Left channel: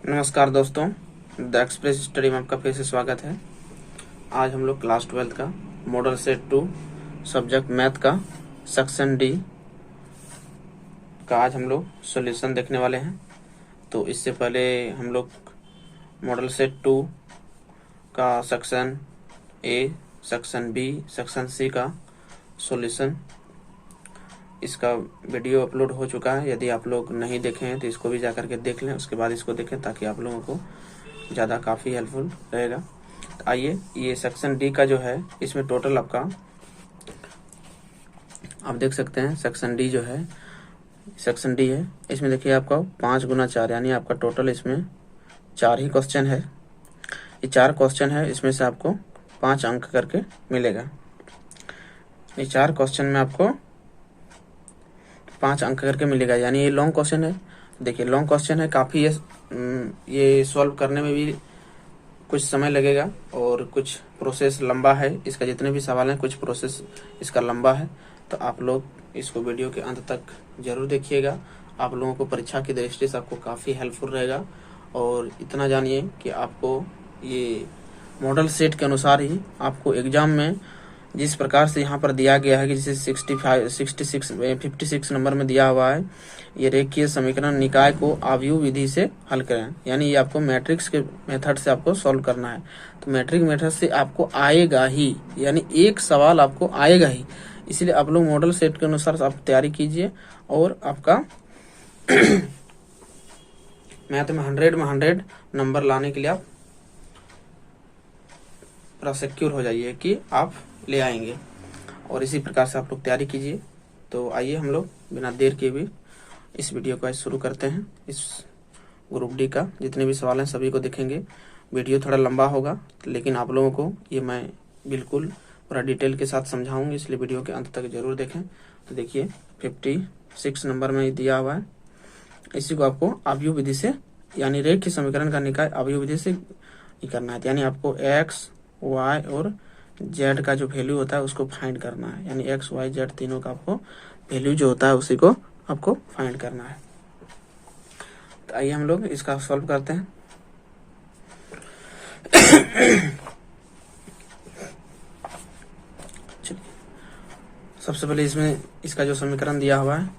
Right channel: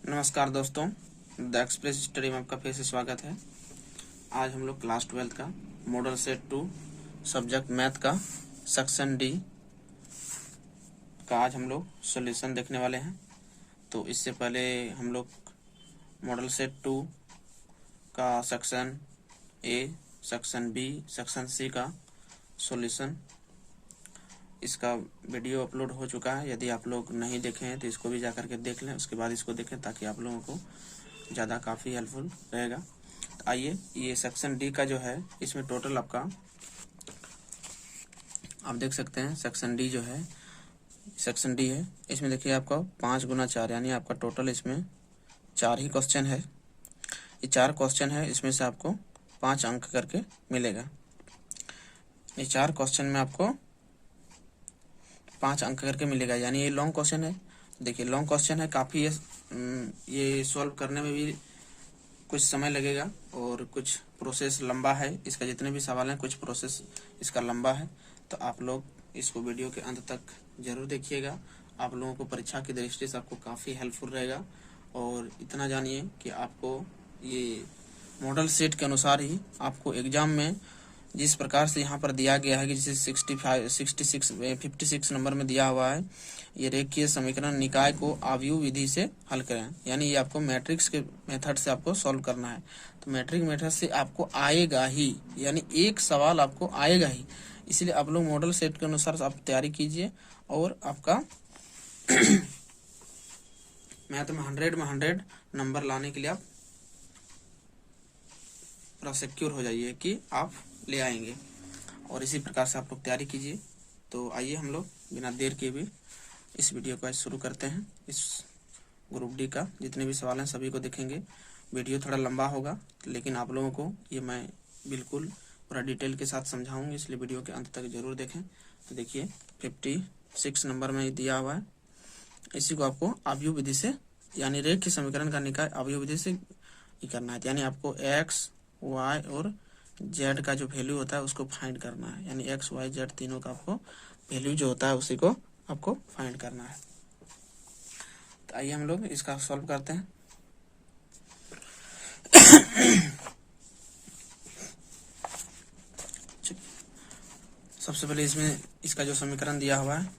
नमस्कार दोस्तों, the express study में आपका फिर से स्वागत है। आज हम लोग क्लास 12 का मॉडल सेट 2 सब्जेक्ट मैथ का सेक्शन डी का आज हम लोग सॉल्यूशन देखने वाले हैं। तो इससे पहले हम लोग मॉडल सेट 2 का section A, section B, section C का सॉल्यूशन इसका वीडियो अपलोड हो चुका है। यदि आप लोग नहीं देखे हैं तो इसको भी जाकर के देख लें, उसके बाद इसको देखें ताकि आप लोगों को ज़्यादा काफ़ी हेल्पफुल रहेगा। तो आइए, ये सेक्शन डी का जो है इसमें टोटल आपका आप देख सकते हैं। सेक्शन डी जो है सेक्शन डी है, इसमें देखिए आपका 5 गुना 4 यानी आपका टोटल इसमें 4 ही क्वेश्चन है। ये 4 क्वेश्चन है, इसमें से आपको 5 अंक करके मिलेगा। ये 4 क्वेश्चन में आपको 5 अंक करके मिलेगा, यानी ये लॉन्ग क्वेश्चन है। देखिए लॉन्ग क्वेश्चन है, काफ़ी ये सॉल्व करने में भी कुछ समय लगेगा और कुछ प्रोसेस लंबा है। इसका जितने भी सवाल हैं कुछ प्रोसेस इसका लंबा है। तो आप लोग इसको वीडियो के अंत तक जरूर देखिएगा। आप लोगों को परीक्षा की दृष्टि से आपको काफ़ी हेल्पफुल रहेगा। और इतना जानिए कि आपको ये मॉडल सेट के अनुसार ही आपको एग्जाम में जिस प्रकार से यहाँ पर दिया गया है कि जैसे 56 नंबर में दिया हुआ है, ये रेखीय समीकरण निकाय को आव्यूह विधि से हल करें, यानी ये आपको मैट्रिक्स के मेथड से आपको सॉल्व करना है। तो मैट्रिक्स मेथड से आपको आएगा ही, यानी एक सवाल आपको आएगा ही। इसलिए आप लोग मॉडल सेट के अनुसार आप तैयारी कीजिए और आपका मैथ में 100 नंबर लाने के लिए आप पूरा सिक्योर हो जाइए कि आप ले आएंगे। और इसी प्रकार से आप लोग तैयारी कीजिए। तो आइए हम लोग बिना देर के भी इस वीडियो को आज शुरू करते हैं। इस ग्रुप डी का जितने भी सवाल हैं सभी को देखेंगे। वीडियो थोड़ा लंबा होगा, लेकिन आप लोगों को ये मैं बिल्कुल पूरा डिटेल के साथ समझाऊंगी, इसलिए वीडियो के अंत तक जरूर देखें। तो देखिए 56 नंबर में दिया हुआ है, इसी को आपको आव्यूह विधि से यानी रेखीय समीकरण का निकाय आव्यूह विधि से करना है। यानी आपको एक्स, वाई और जेड का जो वैल्यू होता है उसको फाइंड करना है। यानी एक्स, वाई, जेड तीनों का आपको वैल्यू जो होता है उसी को आपको फाइंड करना है। तो आइए हम लोग इसका सॉल्व करते हैं। सबसे पहले इसमें इसका जो समीकरण दिया हुआ है,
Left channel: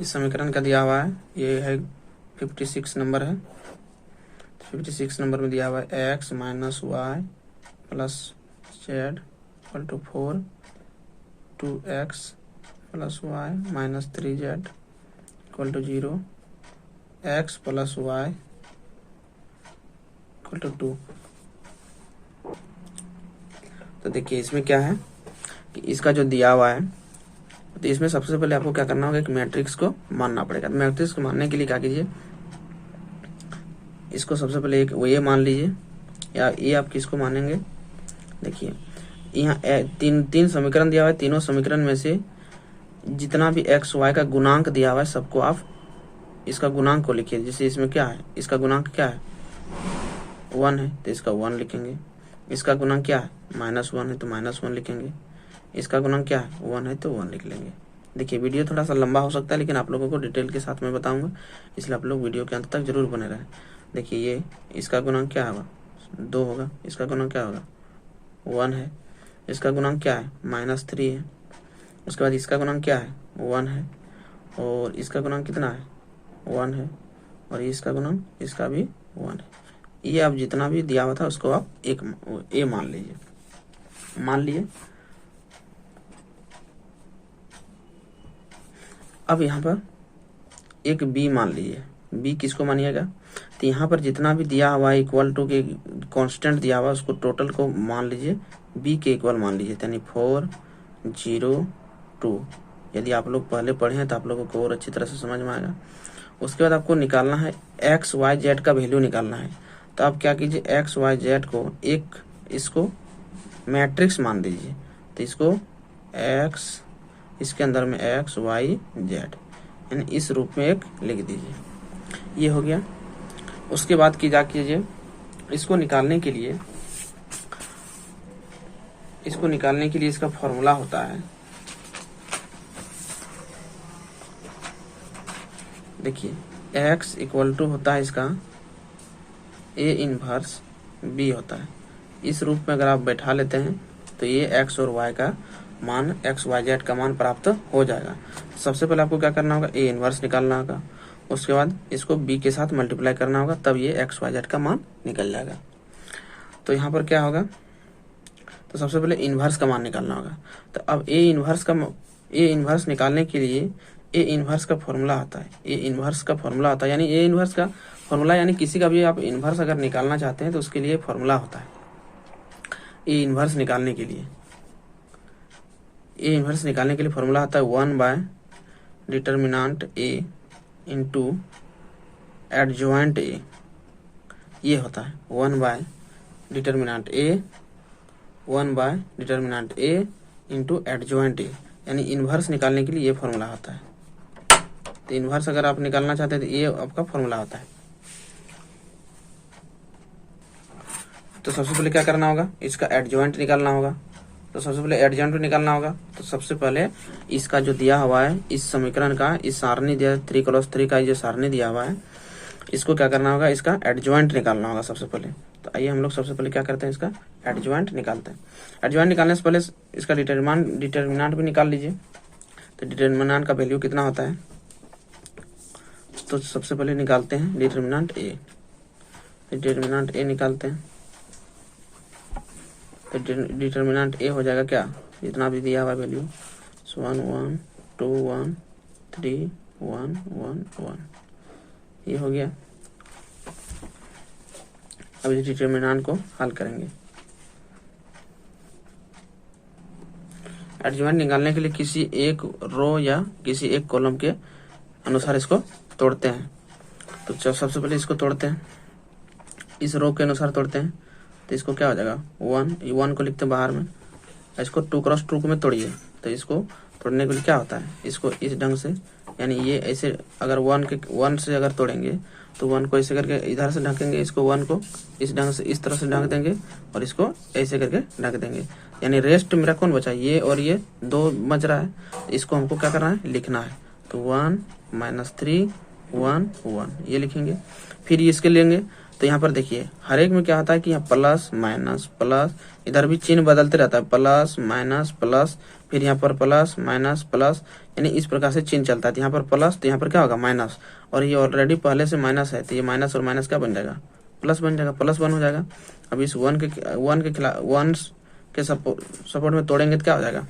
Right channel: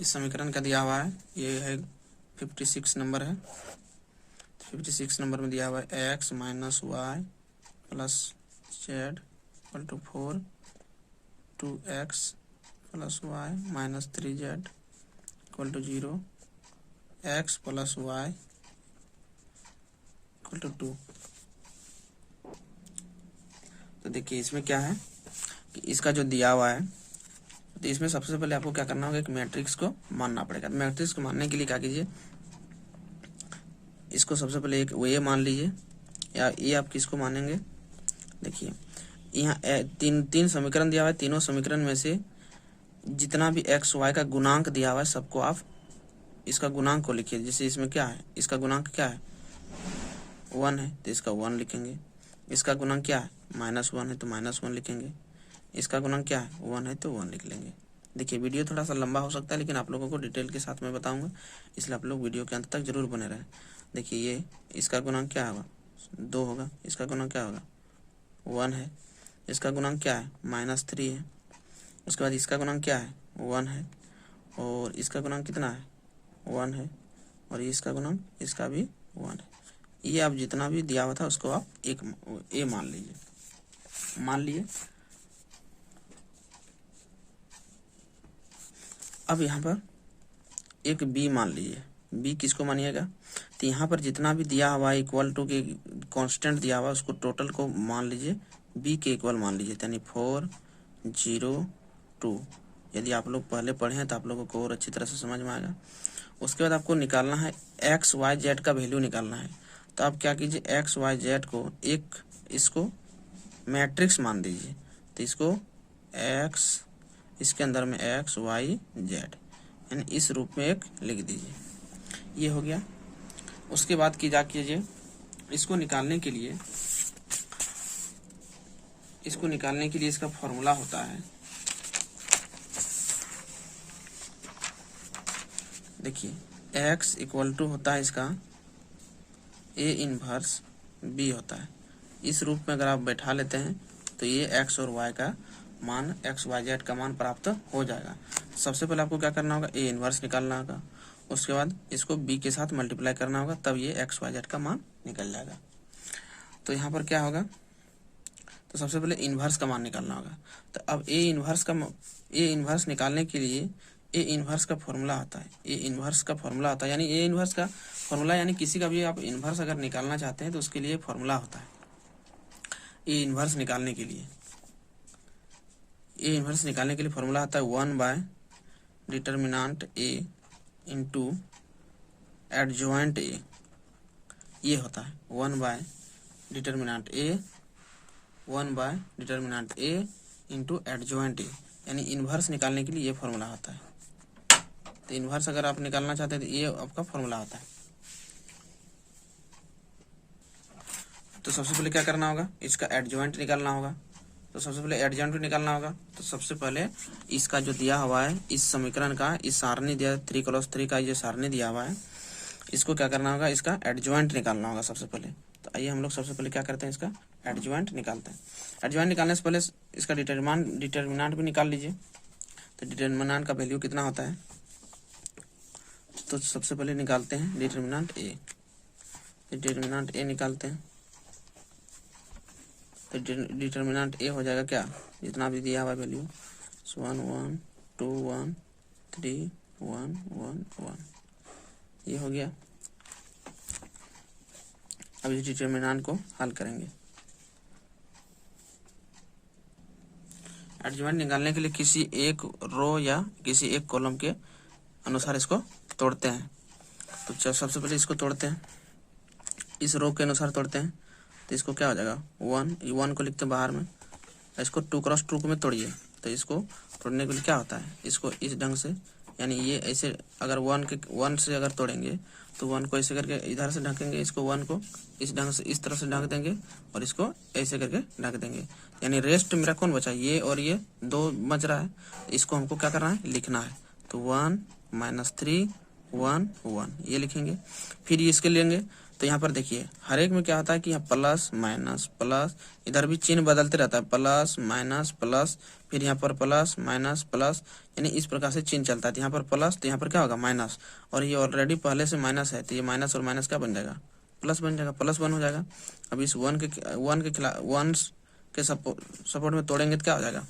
इस समीकरण का दिया हुआ है, ये है 56 नंबर है। 56 नंबर में दिया हुआ है x minus y plus z equal to 4, 2x plus y minus 3z equal to 0, x plus y equal to 2। तो देखिए इसमें क्या है कि इसका जो दिया हुआ है, तो इसमें सबसे पहले आपको क्या करना होगा कि मैट्रिक्स को मानना पड़ेगा। मैट्रिक्स को मानने के लिए क्या कीजिए, इसको सबसे पहले एक ये मान लीजिए, या ये आप किसको मानेंगे। देखिए यहाँ तीन समीकरण दिया हुआ है, तीनों समीकरण में से जितना भी एक्स वाई का गुणांक दिया हुआ है सबको आप इसका गुणांक को लिखिए। जैसे इसमें क्या है, इसका गुणांक क्या है 1 है तो इसका 1 लिखेंगे। इसका गुणांक क्या है -1 है तो -1 लिखेंगे। इसका गुणांक क्या है 1 है तो 1 लिख लेंगे। देखिए वीडियो थोड़ा सा लंबा हो सकता है, लेकिन आप लोगों को डिटेल के साथ में बताऊंगा, इसलिए आप लोग वीडियो के अंत तक जरूर बने रहें। देखिए ये इसका गुणांक क्या होगा 2 होगा। इसका गुणांक क्या होगा 1 है। इसका गुणांक क्या है -3 है। उसके बाद इसका गुणांक क्या है 1 है, और इसका गुणांक कितना है 1 है, और इसका गुणांक इसका भी 1 है। ये आप जितना भी दिया हुआ था उसको आप एक ए मान लीजिए। मान लिए अब यहाँ पर एक बी मान लीजिए। बी किसको मानिएगा, तो यहाँ पर जितना भी दिया हुआ है इक्वल टू के कांस्टेंट दिया हुआ है उसको टोटल को मान लीजिए बी के इक्वल मान लीजिए, यानी 4, 0, 2। यदि आप लोग पहले पढ़े हैं तो आप लोगों को और अच्छी तरह से समझ में आएगा। उसके बाद आपको निकालना है एक्स, वाई, जेड का वैल्यू निकालना है। तो आप क्या कीजिए, एक्स, वाई, जेड को एक इसको मैट्रिक्स मान दीजिए। तो इसको एक्स, इसके अंदर में एक्स, वाई, जेड, यानी इस रूप में एक लिख दीजिए। ये हो गया। उसके बाद की जा कीजिए, इसको निकालने के लिए इसका फॉर्मूला होता है। देखिए x इक्वल टू होता है इसका ए इनवर्स बी होता है। इस रूप में अगर आप बैठा लेते हैं तो ये एक्स और वाई का मान, एक्स वाई जेड का मान प्राप्त हो जाएगा। सबसे पहले आपको क्या करना होगा, ए इनवर्स निकालना होगा, उसके बाद इसको बी के साथ मल्टीप्लाई करना होगा, तब ये एक्स वाई जेड का मान निकल जाएगा। तो यहाँ पर क्या होगा, तो सबसे पहले इनवर्स का मान निकालना होगा। तो अब ए इनवर्स निकालने के लिए ए इनवर्स का फॉर्मूला होता है, ए इनवर्स का फॉर्मूला होता है, यानी ए इनवर्स का फॉर्मूला, यानी किसी का भी आप इनवर्स अगर निकालना चाहते हैं तो उसके लिए फॉर्मूला होता है। ए इनवर्स निकालने के लिए फॉर्मूला होता है 1 bye determinant A into adjoint A. ये होता है 1 bye determinant A into adjoint A, यानी इनवर्स निकालने के लिए ये फॉर्मूला होता है। तो इनवर्स अगर आप निकालना चाहते हैं तो ये आपका फॉर्मूला होता है। तो सबसे पहले क्या करना होगा, इसका एडजॉइंट निकालना होगा। तो सबसे पहले एडजॉइंट निकालना होगा, तो सबसे पहले इसका जो दिया हुआ है इस समीकरण का, इस सारणी दिया 3 का जो सारणी दिया हुआ है, इसको क्या करना होगा, इसका एडजॉइंट निकालना होगा सबसे पहले। तो आइए हम लोग सबसे पहले क्या करते हैं, इसका एडजॉइंट निकालते हैं। एडजॉइंट निकालने से पहले इसका डिटर्मिनेंट भी निकाल लीजिए। तो डिटर्मिनेंट का वैल्यू कितना होता है, तो सबसे पहले निकालते हैं डिटर्मिनेंट ए। निकालते हैं तो डिटर्मिनेंट ए हो जाएगा क्या, जितना भी दिया हुआ वैल्यू 1 1 2 1 3 1 1 1, ये हो गया। अब इस डिटर्मिनेंट को हल करेंगे। एडजॉइंट निकालने के लिए किसी एक रो या किसी एक कॉलम के अनुसार इसको तोड़ते हैं। तो सबसे पहले इसको तोड़ते हैं, इस रो के अनुसार तोड़ते हैं। तो इसको क्या हो जाएगा 1 को लिखते हैं बाहर में, इसको 2 क्रॉस 2 में तोड़िए। तो इसको तोड़ने के लिए क्या होता है, इसको इस ढंग से, यानी ये ऐसे अगर 1 से अगर तोड़ेंगे तो 1 को ऐसे करके इधर से ढकेंगे, इसको 1 को इस ढंग से इस तरह से ढक देंगे और इसको ऐसे करके ढक देंगे। यानी रेस्ट मेरा कौन बचा, ये और ये 2 बच रहा है, इसको हमको क्या करना है, लिखना है। तो 1 -3 1 1 ये लिखेंगे। फिर इसके लेंगे तो यहाँ पर देखिए हर एक में क्या होता है कि यहाँ प्लस माइनस प्लस, इधर भी चिन्ह बदलते रहता है, प्लस माइनस प्लस, फिर यहाँ पर प्लस माइनस प्लस, यानी इस प्रकार से चिन्ह चलता है। यहाँ पर प्लस तो यहाँ पर क्या होगा माइनस, और ये ऑलरेडी पहले से माइनस है तो ये माइनस और माइनस क्या बन जाएगा, प्लस बन जाएगा, +1 हो जाएगा। अब इस 1 के सपोर्ट में तोड़ेंगे तो क्या हो जाएगा,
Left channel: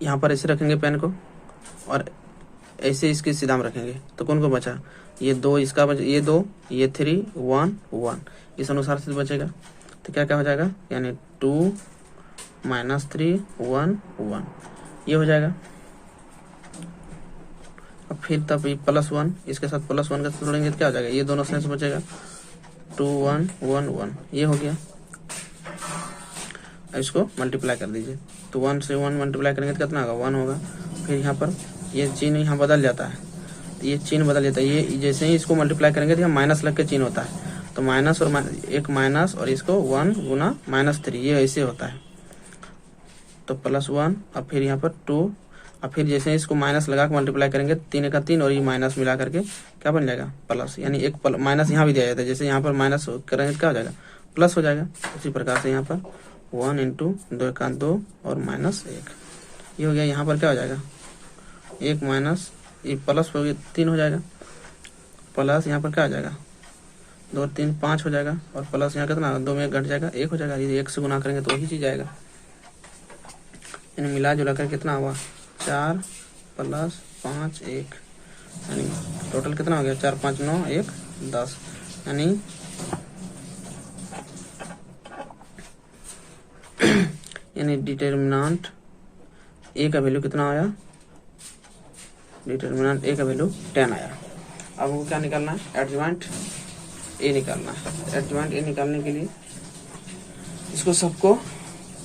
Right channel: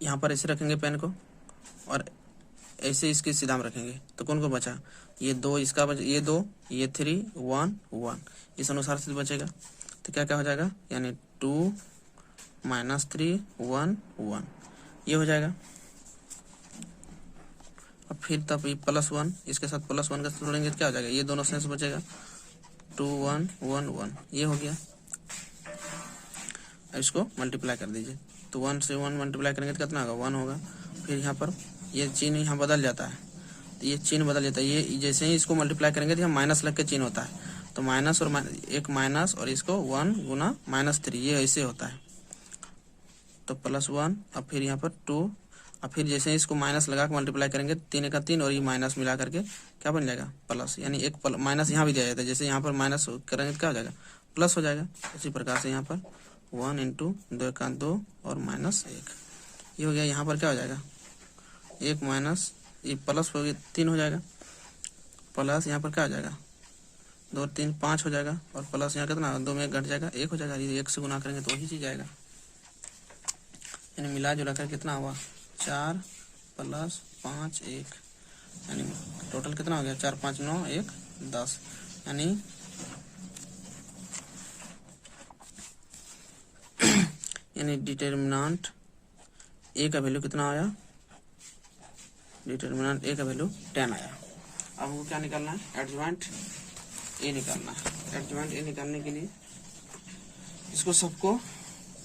यहाँ पर ऐसे रखेंगे पेन को और ऐसे इसके सीधा में रखेंगे। तो कौन को बचा, ये 2 इसका बचा, ये 2 ये 3 1 1, इस अनुसार से बचेगा। तो क्या क्या हो जाएगा, यानी 2 -3 1 1 ये हो जाएगा। अब फिर तब ये +1 इसके साथ +1 का जोड़ेंगे तो क्या हो जाएगा, ये दोनों से बचेगा 2 1 1 1 ये हो गया। अब इसको मल्टीप्लाई कर दीजिए। तो 1 से 1 मल्टीप्लाई करेंगे तो कितना होगा, 1 होगा। फिर यहाँ पर ये चिन्ह यहाँ बदल जाता है, ये चिन्ह बदल जाता है, ये जैसे ही इसको मल्टीप्लाई करेंगे तो यहाँ माइनस लग के चिन्ह होता है। तो माइनस और एक माइनस और इसको 1 गुना -3 ये ऐसे होता है। तो +1 अब फिर यहाँ पर 2, अब फिर जैसे इसको माइनस लगा के मल्टीप्लाई करेंगे 3 का 3 और ये माइनस मिला करके क्या बन जाएगा प्लस, यानी एक माइनस यहाँ भी दिया जाता है, जैसे यहाँ पर माइनस करेंगे क्या हो जाएगा प्लस हो जाएगा। उसी प्रकार से यहाँ पर 1 × 2 का 2 और -1 ये हो गया। यहाँ पर क्या हो जाएगा, 1 माइनस ये प्लस हो गया 3 हो जाएगा, प्लस यहाँ पर क्या हो जाएगा 2 और 3 5 हो जाएगा, और प्लस यहाँ कितना 2 में 1 घट जाएगा 1 हो जाएगा। ये 1 से गुना करेंगे तो वही चीज आएगा, यानी मिला जुला कर कितना हुआ 4 + 5 1, यानी टोटल कितना हो गया 4 5 9 1 10, यानी डिटर्मिनेंट ए का वैल्यू कितना आया, डिटर्मिनेंट ए का वैल्यू 10 आया। अब वो क्या निकालना है, एडजॉइंट ए निकालना है। एडजॉइंट ए निकालने के लिए इसको सबको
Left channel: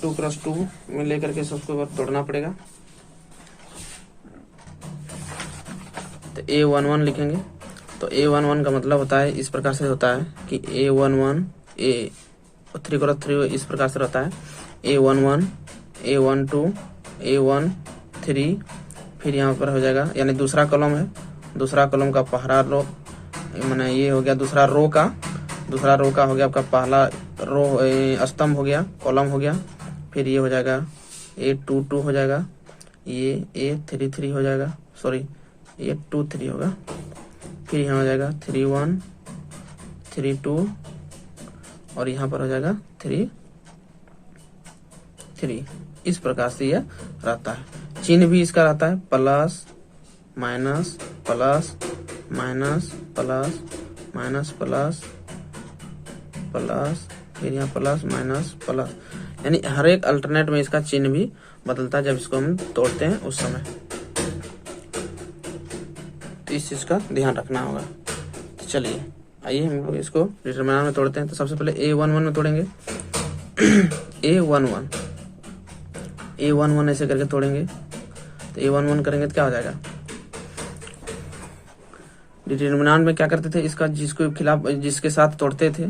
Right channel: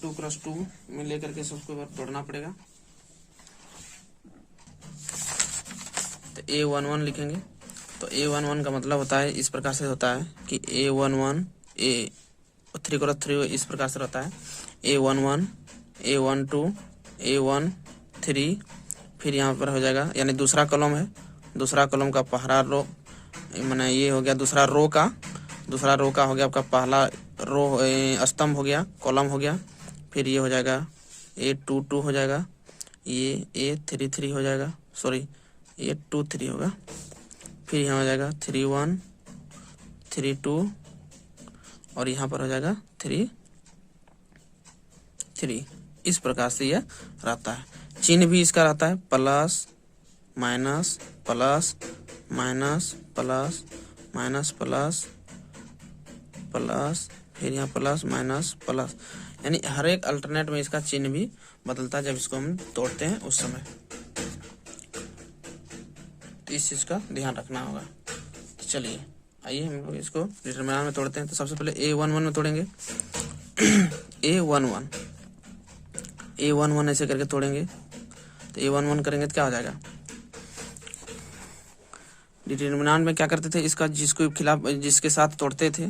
2 क्रॉस 2 में लेकर के सबको तोड़ना पड़ेगा। तो A11 लिखेंगे। तो A11 का मतलब होता है इस प्रकार से होता है कि A11 A 3 क्रॉस 3 इस प्रकार से रहता है, A11 A12 A13, फिर यहाँ पर हो जाएगा, यानी दूसरा कॉलम है, दूसरा कॉलम का पहला रो, मैंने ये हो गया दूसरा रो का दूसरा रो का हो गया आपका, पहला रो स्तंभ हो गया, कॉलम हो गया। फिर ये हो जाएगा A22 हो जाएगा, ये A33 हो जाएगा, सॉरी A23 होगा। फिर यहाँ हो जाएगा 31 32 और यहाँ पर हो जाएगा 33। इस प्रकार से यह रहता है। चिन्ह भी इसका रहता है plus minus plus minus plus minus plus plus, फिर यहाँ प्लस माइनस प्लस, यानी हर एक अल्टरनेट में इसका चिन्ह भी बदलता है जब इसको हम तोड़ते हैं उस समय। तो इस चीज का ध्यान रखना होगा। तो चलिए आइए हम लोग इसको डिटरमिनेंट में तोड़ते हैं। तो सबसे पहले A11 में तोड़ेंगे। A11 ऐसे करके तोड़ेंगे। तो A11 करेंगे तो क्या हो जाएगा, डिटरमिनेंट में क्या करते थे, इसका जिसको खिलाफ जिसके साथ तोड़ते थे,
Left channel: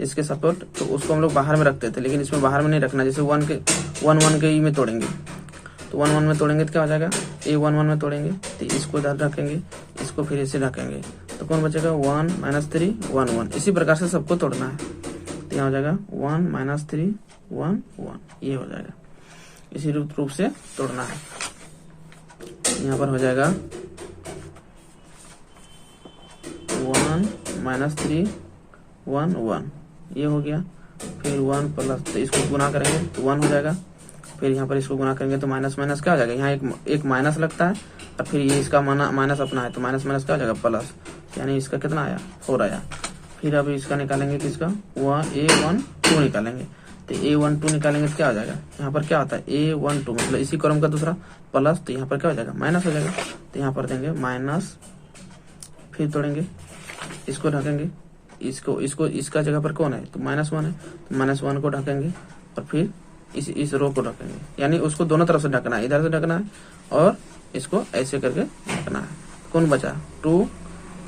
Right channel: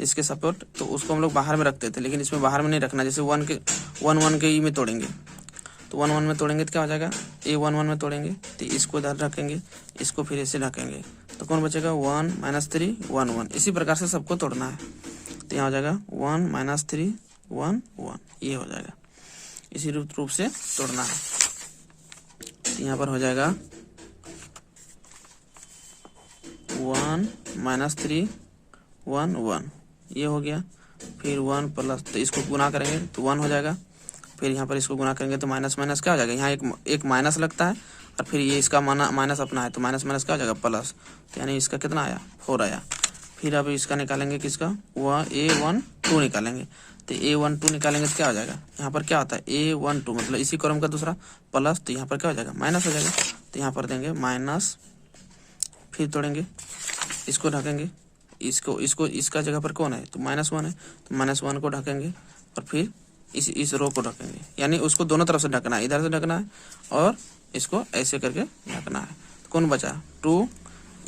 जिसके सपोर्ट, तो उसको हम लोग बाहर में रखते थे, लेकिन इसमें बाहर में नहीं रखना। जैसे 1 के ई में तोड़ेंगे, तो 1 में तोड़ेंगे तो क्या हो जाएगा, A11 में तोड़ेंगे तो इसको इधर रखेंगे, इसको फिर इसे ढकेंगे, तो कौन बचेगा 1 - 3 1 1। इसी प्रकार से सबको तोड़ना है। तो यहाँ हो जाएगा 1 - 3 1 1, ये हो जाएगा। इसी रूप से तोड़ना है। यहाँ पर हो जाएगा 1 - 3 1 1, ये हो गया। फिर 1 प्लस, तो इसको गुना करेंगे तो 1 हो जाएगा। फिर यहाँ पर इसको गुना करेंगे तो माइनस माइनस क्या हो जाएगा, यहाँ एक माइनस लगता है, और फिर ये इसका माइनस अपना है, तो माइनस माइनस क्या हो जाएगा प्लस, यानी इसका कितना आया 4 आया। फिर अब इसका निकालेंगे, किसका, वह A12 निकालेंगे। तो A12 निकालेंगे तो क्या हो जाएगा, यहाँ पर क्या आता है A12, मतलब इसी कॉलम का दूसरा प्लस, तो यहाँ पर क्या हो जाएगा माइनस हो जाएगा। तो यहाँ पर देंगे माइनस, फिर तोड़ेंगे, इसको ढकेंगे, इसको इसका जगह पर कौन है, तो -1 है, तो -1 को ढकेंगे, और फिर इस रो को ढकेंगे, यानी उसको दोनों तरफ से ढकना है, इधर से ढकना है और इसको ऐसे करके ढकना है। कौन बचा 2,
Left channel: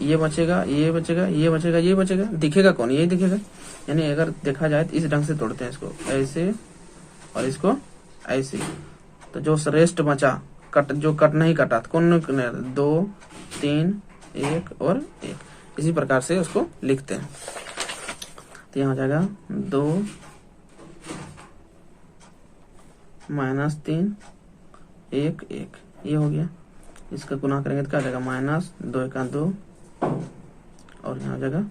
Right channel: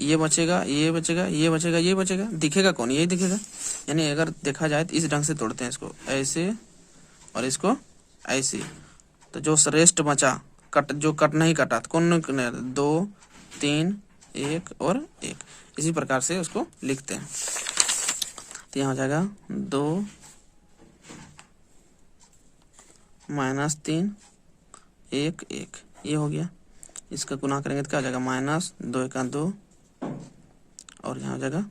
ये बचेगा, ये बचेगा, ये बचेगा, ये बचेगा, दिखेगा कौन, यही दिखेगा। यानी अगर देखा जाए तो इस ढंग से तोड़ते हैं, इसको ऐसे और इसको ऐसे। तो जो रेस्ट बचा, जो कट नहीं कटा, तो कौन 2 3 1 और 1, इसी प्रकार से उसको लिखते हैं। तो यहाँ हो जाएगा 2 - 3 1 1, ये हो गया। इसका गुना करेंगे तो क्या हो जाएगा, -2 का 2, और यहाँ हो जाएगा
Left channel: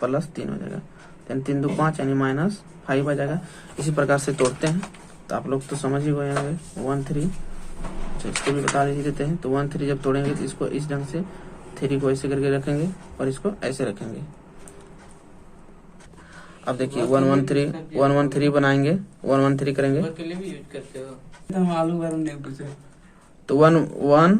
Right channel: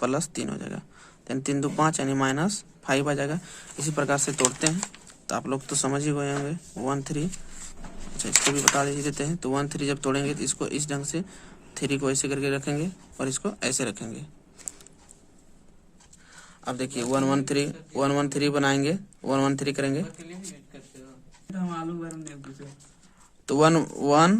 +3 हो जाएगा, 3 3 2 5, यानी -5 आ जाएगा। इसी प्रकार से तोड़ते हैं। तो आप लोग तो समझ ही गए होंगे 1 3। अच्छा, इसको भी बता देते हैं। तो 1 3 जब तोड़ेंगे तो इसको इस ढंग से 3 को ऐसे करके रखेंगे और इसको ऐसे रखेंगे। अब देखिए 1 1 3 बनाएंगे, 1 1 3 करेंगे तो 1 1।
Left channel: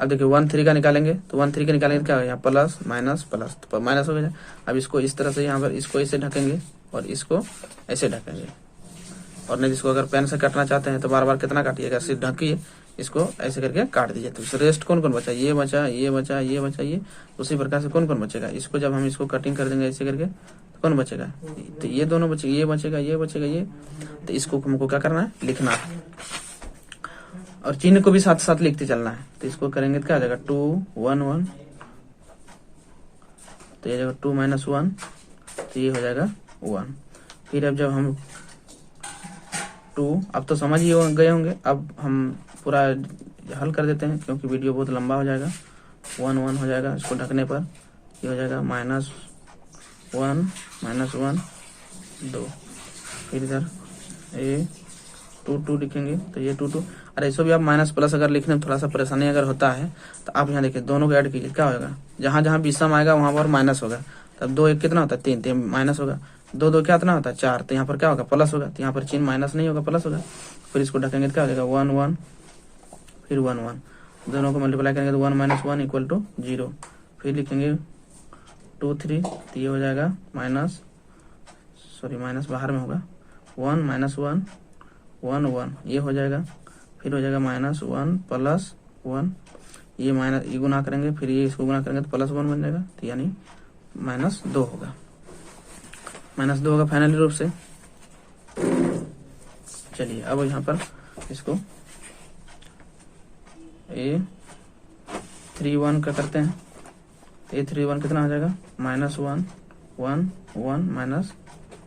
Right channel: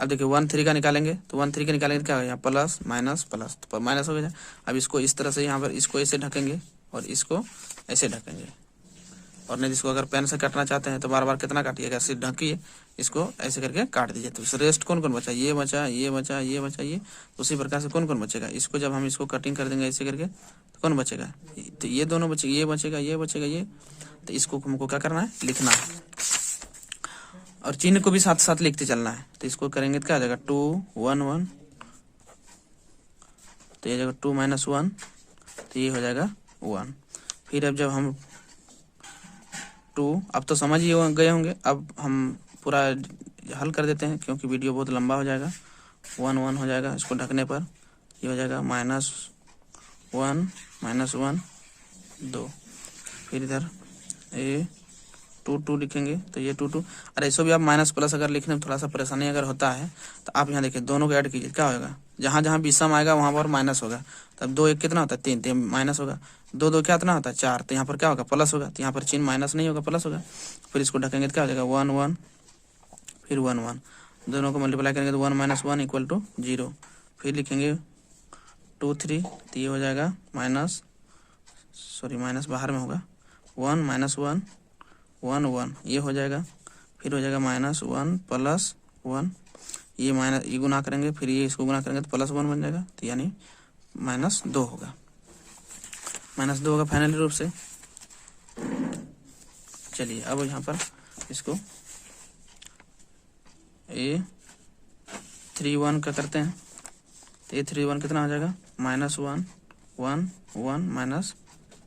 अब देखिए 1 3 का निकालेंगे, तो 1 3 का निकालेंगे तो क्या होगा, प्लस माइनस प्लस, तो माइनस हो गया। अब इसको इस तरह से यहाँ पर इसको ऐसे ढकेंगे और इसको ऐसे ढकेंगे, और नहीं इसको अगर पेन से काटना चाहते हैं तो बार बार कितना काटिएगा, सिर्फ ढकिए, इसको ऐसे करके काट दीजिए। तो रेस्ट कौन कौन बचा, ये बचा, ये बचा, ये बचा, ये। उसी प्रकार से कौन कौन बचेगा, इसको जब हम इसको कटिंग कर देंगे ऐसे करके, तो कौन बचेगा, तो ये दोनों बचेगा, ये बचेगा, ये बचेगा, ये। तो इसको हमको क्या करना है, लिखना है, और चिन्ह को भी साथ साथ लिखते चलना है। तो इसको करेंगे तो क्या आ जाएगा 2 1 1, तो ये जाएगा 2 - 1, तो ये हो जाएगा 1। फिर अब जब हम 2, अब तो समझ ही गए होंगे, अब हम पूरा हल कर देते हैं क्योंकि वीडियो बहुत लंबा हो जाएगा। 1 1 हो जाएगा, इसको ढकने पर ये हो जाएगा -1 -1 2। फिर इधर A 2 लिखेंगे, तो ये 2 2। अरे इसको भी आप माइनस प्लस अगर लिखने में थोड़ा सा परेशानी अगर होता है तो आप यहाँ देखिए दोनों को ऐड कीजिए, क्या होगा, जहाँ जहाँ भी सम आएगा वहाँ पर माइनस होगा। तब 2 1 कितना होता है 3 3 माइनस होगा, 2 2 क्या इतना होता है 4, तो यहाँ पर क्या होगा प्लस होगा, तो यहाँ पर चिन्ह माइनस नहीं होगा प्लस होगा। फिर इसको ढकेंगे तो क्या हो जाएगा 1 1, फिर 1 1, दोनों को मल्टीप्लाई करेंगे तो 1 - 1 = 0। फिर लिखेंगे 2 3, तो ये हो जाएगा माइनस बाहर में होगा 1 - 1 1 1, ये हो जाएगा। फिर हो जाएगा -1 + 1, ये माइनस, ये गुना करेंगे, फिर ये इसको गुना करेंगे तो +1 बन जाएगा, तो यानी -2 होगा, -2 होगा फाइनली रूप से। चलिए अब यहाँ पर इसको A31 का करते हैं। तो A31 कितना हो जाएगा -1 1 1 माइनस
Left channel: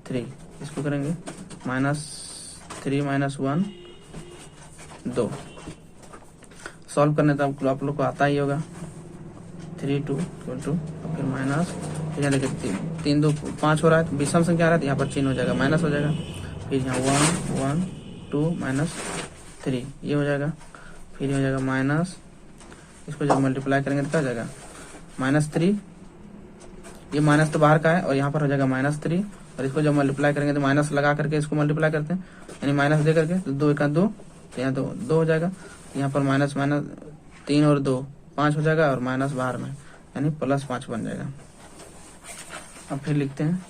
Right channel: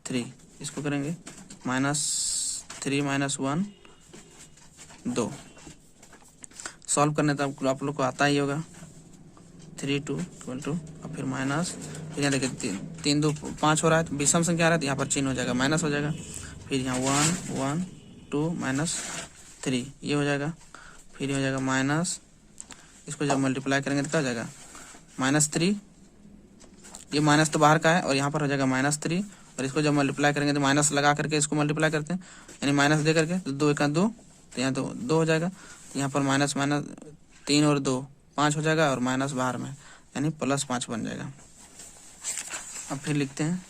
3, इसको करेंगे -3 - 1 2। सॉल्व करने तो आप लोग को आता ही होगा। 3 2 = फिर माइनस, फिर यहाँ देखिए 3 2 5 हो रहा है, विषम संख्या आ रहा है तो यहाँ पर चिन्ह हो जाएगा, माइनस हो जाएगा। फिर यहाँ 1 1 2 -3 ये हो जाएगा। फिर हो जाएगा माइनस, इसको जब मल्टीप्लाई करेंगे तो क्या हो जाएगा -3, ये माइनस तो बाहर का है और यहाँ पर हो जाएगा -3, और इसको जब मल्टीप्लाई करेंगे तो माइनस लगा करके इसको मल्टीप्लाई करते हैं, यानी माइनस दे करके, तो 2 × 2 तो यहाँ तो 2 हो जाएगा। यहाँ पर माइनस 3 और 2 5 हो जाएगा, और माइनस बाहर में यानी +5 बन जाएगा। अब फिर लिखते हैं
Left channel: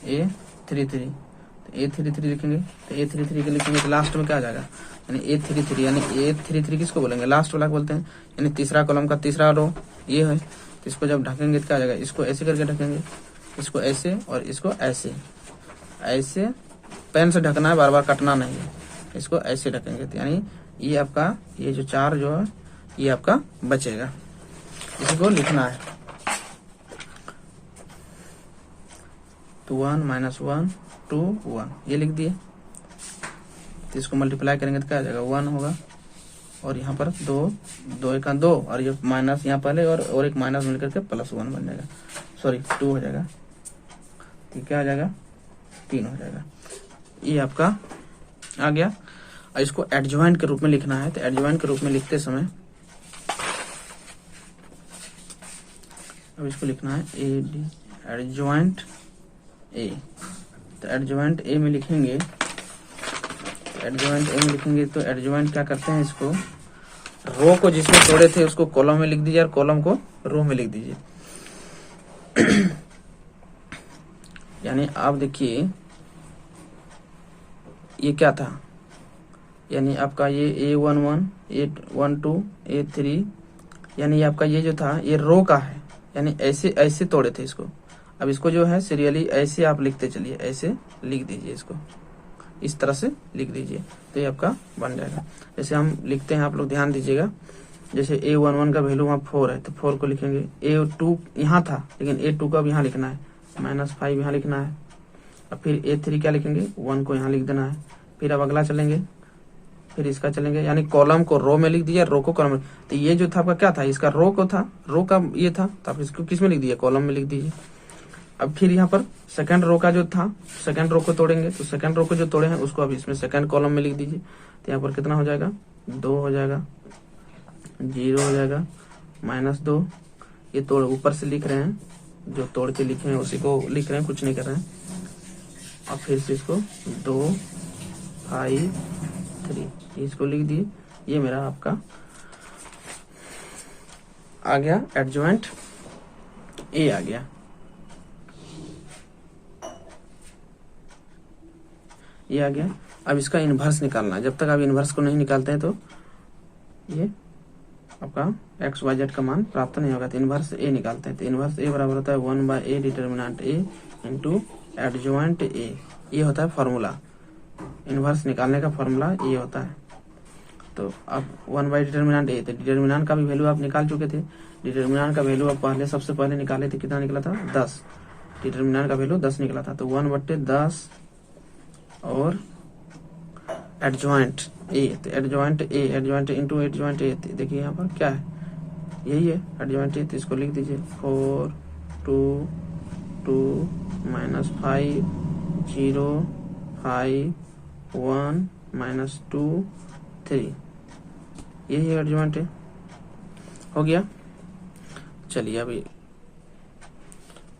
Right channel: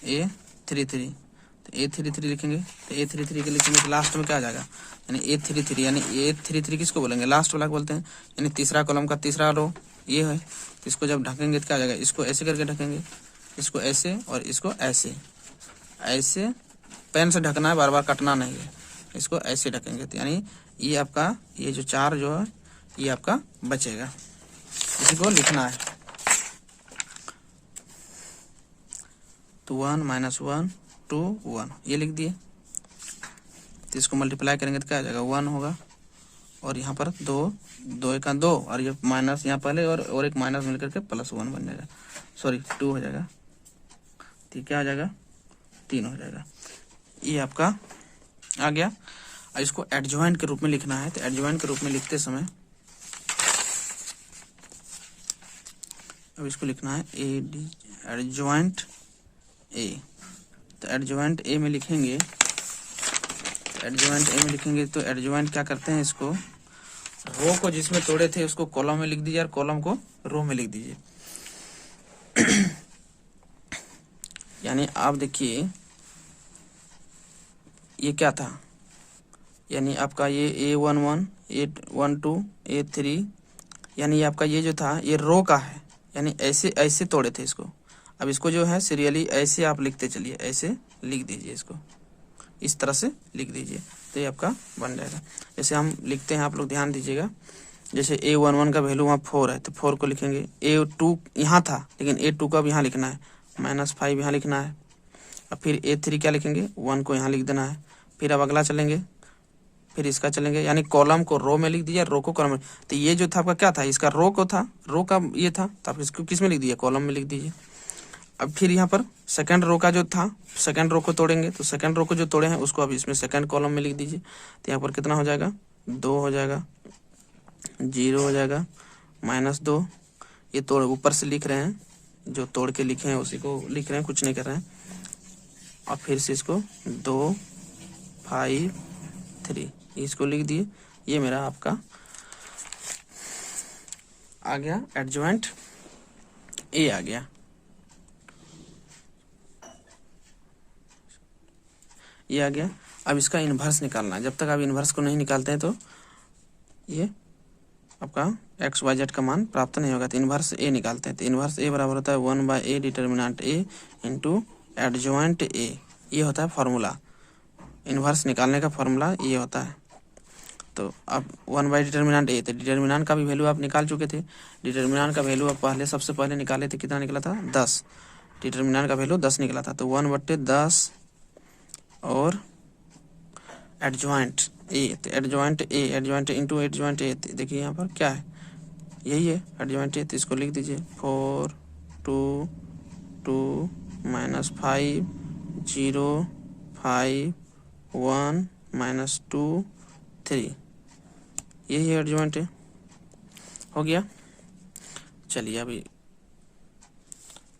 A33, तो A33 लिखेंगे, तो A33 के लिखेंगे तो लास्ट में क्या आ जाएगा, यानी A33, यानी A33 किसको बोलेंगे, लास्ट वाला बोलते हैं, यानी तीसरा कॉलम का तीसरा रो ये है। तो इसको जब ढकेंगे तो क्या आ जाएगा, इसको ऐसे करके ढकेंगे, इसको ऐसे और इसको ऐसे, ऐसे पेन से ढकना है, बार बार कटना नहीं है, इसको ऐसे ढकेंगे, तो यानी ये आपका ये जो 4 जो है ये आपका बचेगा, इसको लिखना है। तो 1 - 1 2 1 ये लिख दिए। तो इसको मल्टीप्लाई करेंगे तो क्या आ जाएगा 1 होगा, और यहाँ पर 2 2 × 2 और ये माइनस यहाँ पहले और एक माइनस मिलकर के +1 बन जाएगा, सॉरी 2 हो जाएगा। ठीक, क्या आ जाएगा 3 हो जाएगा। ये आपका आ गया। और इसको एडजॉइंट के रूप में लिखना है, तो एडजॉइंट के रूप में लिखते समय अब इसको लिखना है एडजॉइंट ए। तो एडजॉइंट ए में लिखेंगे, तो एडजॉइंट क्या करते हैं, इसको रो को जिसमें तोड़े थे उसको कॉलम में लिख दीजिए और कॉलम को रो में लिख दीजिए। यानी आप देखिए ये क्या था, यानी आपका ये A11 A12 A3, यानी आपका ये जो था ये रो का है, यानी ऐसे ऐसे तोड़े थे इसको। अब इसको जो है सीरियली ऐसे आप लिखते चलिए, ऐसे लिख दीजिए, इसको इस तरह से लिख दीजिए, तो ये आपका बन जाएगा। जैसे हम लिखते हैं, आप लोग ध्यान दीजिएगा, जैसे A11 का वैल्यू वहाँ 4 है तो 4 को लिखेंगे। A2 यहाँ था लेकिन A2 का अब यहाँ लिखना है, -5 यहाँ लिखना है। अब फिर A3 क्या लिखेंगे, 1 को यहाँ लिख देना है। फिर अब अगला चलेंगे, फिर इसका चलेंगे, यानी कॉलम को रो में लिख दिया, रो को कॉलम में। तो ये जो था आपका क्या था, इसका रो को था, रो का ये था, तो आप इसको किस में लिख दिए, कॉलम में लिख दीजिए। अब फिर यहाँ पर सेकंड रो का जो था, सेकंड रो को तोड़ेंगे, तो सेकंड रो को जो तोड़े हैं उसको अब इसमें सेकंड कॉलम में लिख दीजिए। तो यहाँ पर कितना हो जाएगा, 2 हो जाएगा, 0 हो जाएगा, -2। ये तोड़ ऊपर से लिख रहे हैं, जो तोड़ के लिखे हैं उसी को लिख रहे हैं, कुछ नहीं कर रहे हैं। अब फिर से इसको 2 5 3 इसको लिख दिए। ये मेरा आपका आ गया, एडजॉइंट ए आ गया। ये आ गया। अब इसका इन्वर्स निकालना है। जब तक आप इन्वर्स को नहीं निकालते हैं तो ये आपका XYZ का मान प्राप्त नहीं होगा। तो इन्वर्स ए निकालते हैं। तो इन्वर्स ए बराबर होता है 1/a determinant A into adjoint A. ये होता है फॉर्मूला, इन्वर्स निकालने का फॉर्मूला ये होता है। तो अब 1/डिटर्मिनेंट ए, तो डिटर्मिनेंट का भी वैल्यू आप निकाल चुके थे। डिटर्मिनेंट का वैल्यू आप सबसे पहले निकाले थे, कितना निकला था 10। डिटर्मिनेंट का वैल्यू 10 निकला था। तो 1/10 और एडजॉइंट ए, तो एडजॉइंट इंटू एडजॉइंट ए, देखिए यहाँ पर क्या है, यही है एडजॉइंट ए। तो इसको लिख दीजिए 4 2 2 -5 0 5 1 -2 3, यही एडजॉइंट है। हो गया। चलिए अभी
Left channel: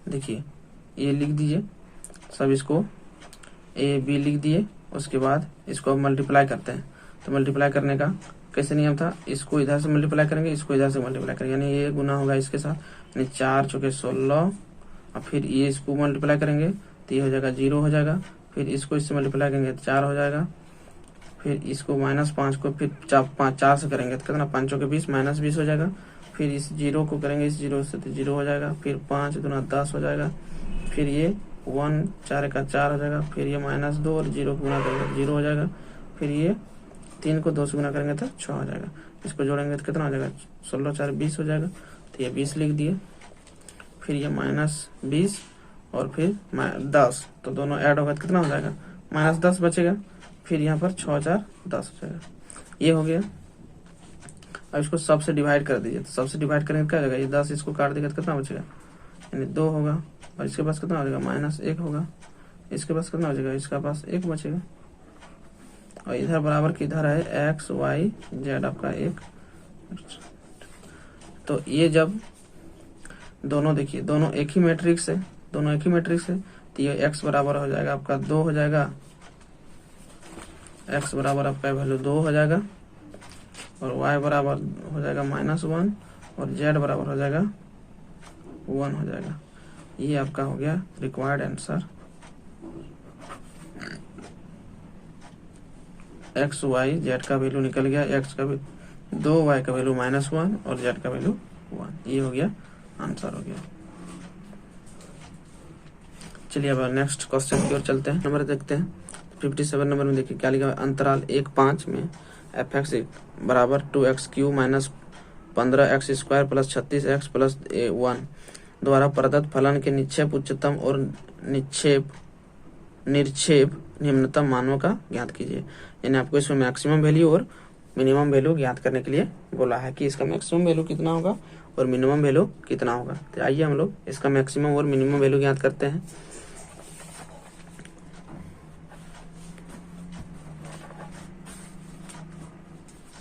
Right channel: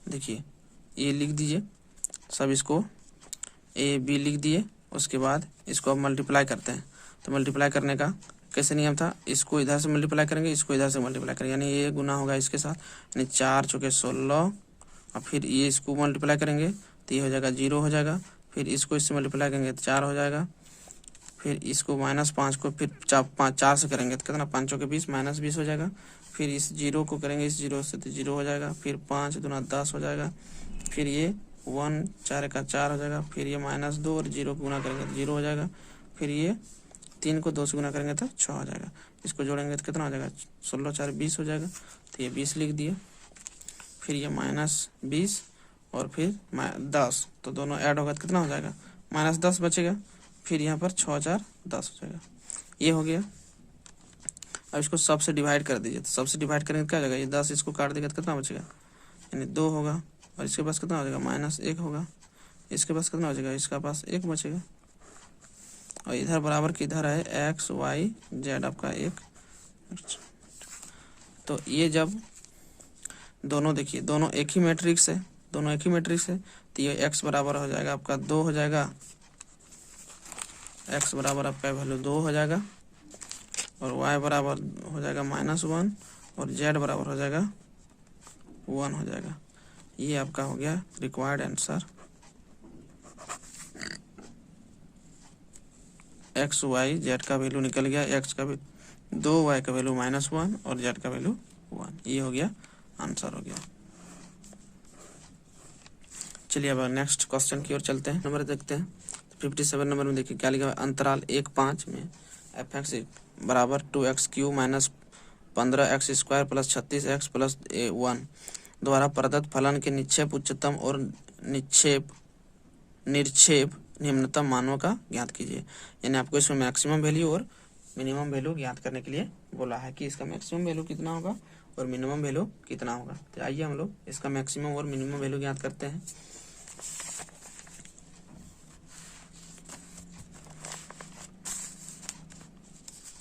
देखिए ये लिख दीजिए सब, इसको A B लिख दिए। उसके बाद इसको अब मल्टीप्लाई करते हैं। तो मल्टीप्लाई करने का कैसे नियम था, इसको इधर से मल्टीप्लाई करेंगे, इसको इधर से मल्टीप्लाई करेंगे, यानी ये गुना होगा इसके साथ, यानी 4 × 16। और फिर ये इसको मल्टीप्लाई करेंगे तो ये हो जाएगा 0 हो जाएगा। फिर इसको इससे मल्टीप्लाई करेंगे तो 4 हो जाएगा। फिर इसको -5 को फिर 4 से करेंगे तो कितना, 5 × 20 -20 हो जाएगा। फिर इस 0 को करेंगे इस 0 से तो 0 हो जाएगा। फिर 5 × 10 हो जाएगा। फिर ये 1 4 का 4 हो जाएगा। फिर ये -2 और 0 को गुना करेंगे तो 0 हो जाएगा। फिर ये 3 को 2 से गुना करेंगे तो 6 हो जाएगा। इसको जोड़ेंगे तो कितना हो जाएगा, 16 4 20 हो जाएगा। तो ये 20 लिख दिए। फिर ये -20 और फिर 10, तो दोनों ऐड होगा तो कितना हो जाएगा, -10 बचेगा। फिर यहाँ पर 6 4 10 हो जाएगा। ये हो गया। अब इसको सबसे डिवाइड कर दीजिए, तो सबसे डिवाइड करेंगे तो क्या हो जाएगा, ये 10 इसको काट देगा तो कितना बचेगा, यानी 2 होगा। और इसके पास कितना हो जाएगा, -1 होगा। इसके पास कितना हो जाएगा, इसका पास 1 बचेगा। और इधर बराबर किधर है, x y z आपका 1। तो ये जब दोनों देखिए, दोनों एक ही मैट्रिक्स है, दोनों एक ही मैट्रिक्स है, तो ये x बराबर हो जाएगा आपका 2 हो जाएगा। x बराबर आपका वैल्यू 2 हो जाएगा, और y बराबर हो जाएगा -1, और z बराबर हो जाएगा 1 हो जाएगा। ये आपका हो गया required answer. x y z का वैल्यू निकल गया, x का वैल्यू 2, y का वैल्यू -1 और z का वैल्यू 1। ये हो गया आंसर हो गया। चलिए अब नेक्स्ट क्वेश्चन की ओर चलते हैं। नंबर देखते हैं 57 नंबर में। देखिए क्या लिखा है, अंतराल 1-5 में f(x) बराबर 2x³ minus 15x² plus 36x plus 1 द्वारा प्रदत्त फलन के निक्षेप उच्चतम और निरक्षेप निम्नतम मानों का ज्ञात कीजिए। यानी आपको इसमें मैक्सिमम वैल्यू और मिनिमम वैल्यू ज्ञात करने के लिए बोला है कि इसका मैक्सिमम वैल्यू कितना होगा और मिनिमम वैल्यू कितना होगा। तो आइए हम लोग इसका मैक्सिमम और मिनिमम वैल्यू ज्ञात करते हैं।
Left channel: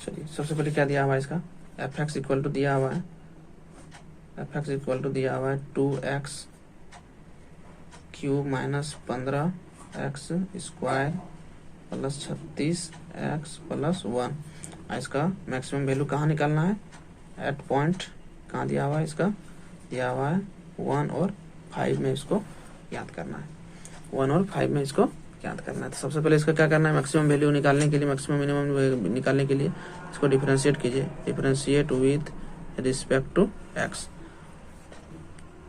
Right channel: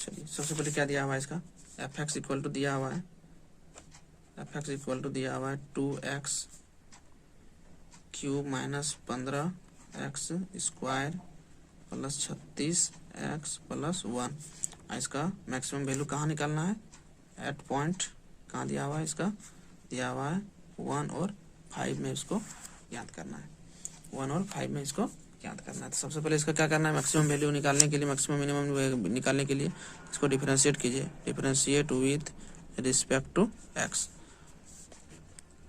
चलिए सबसे पहले क्या दिया हुआ है, इसका f(x) इक्वल टू दिया हुआ है, f(x) इक्वल टू दिया हुआ है 2x³ minus 15x² plus 36x plus 1। इसका मैक्सिमम वैल्यू कहाँ निकालना है, एट पॉइंट कहाँ दिया हुआ है, इसका दिया हुआ है 1 और 5 में इसको याद करना है, 1 और 5 में इसको याद करना है। तो सबसे पहले इसका क्या करना है, मैक्सिमम वैल्यू निकालने के लिए, मैक्सिमम मिनिमम निकालने के लिए इसको डिफरेंशिएट कीजिए, differentiate with respect to x।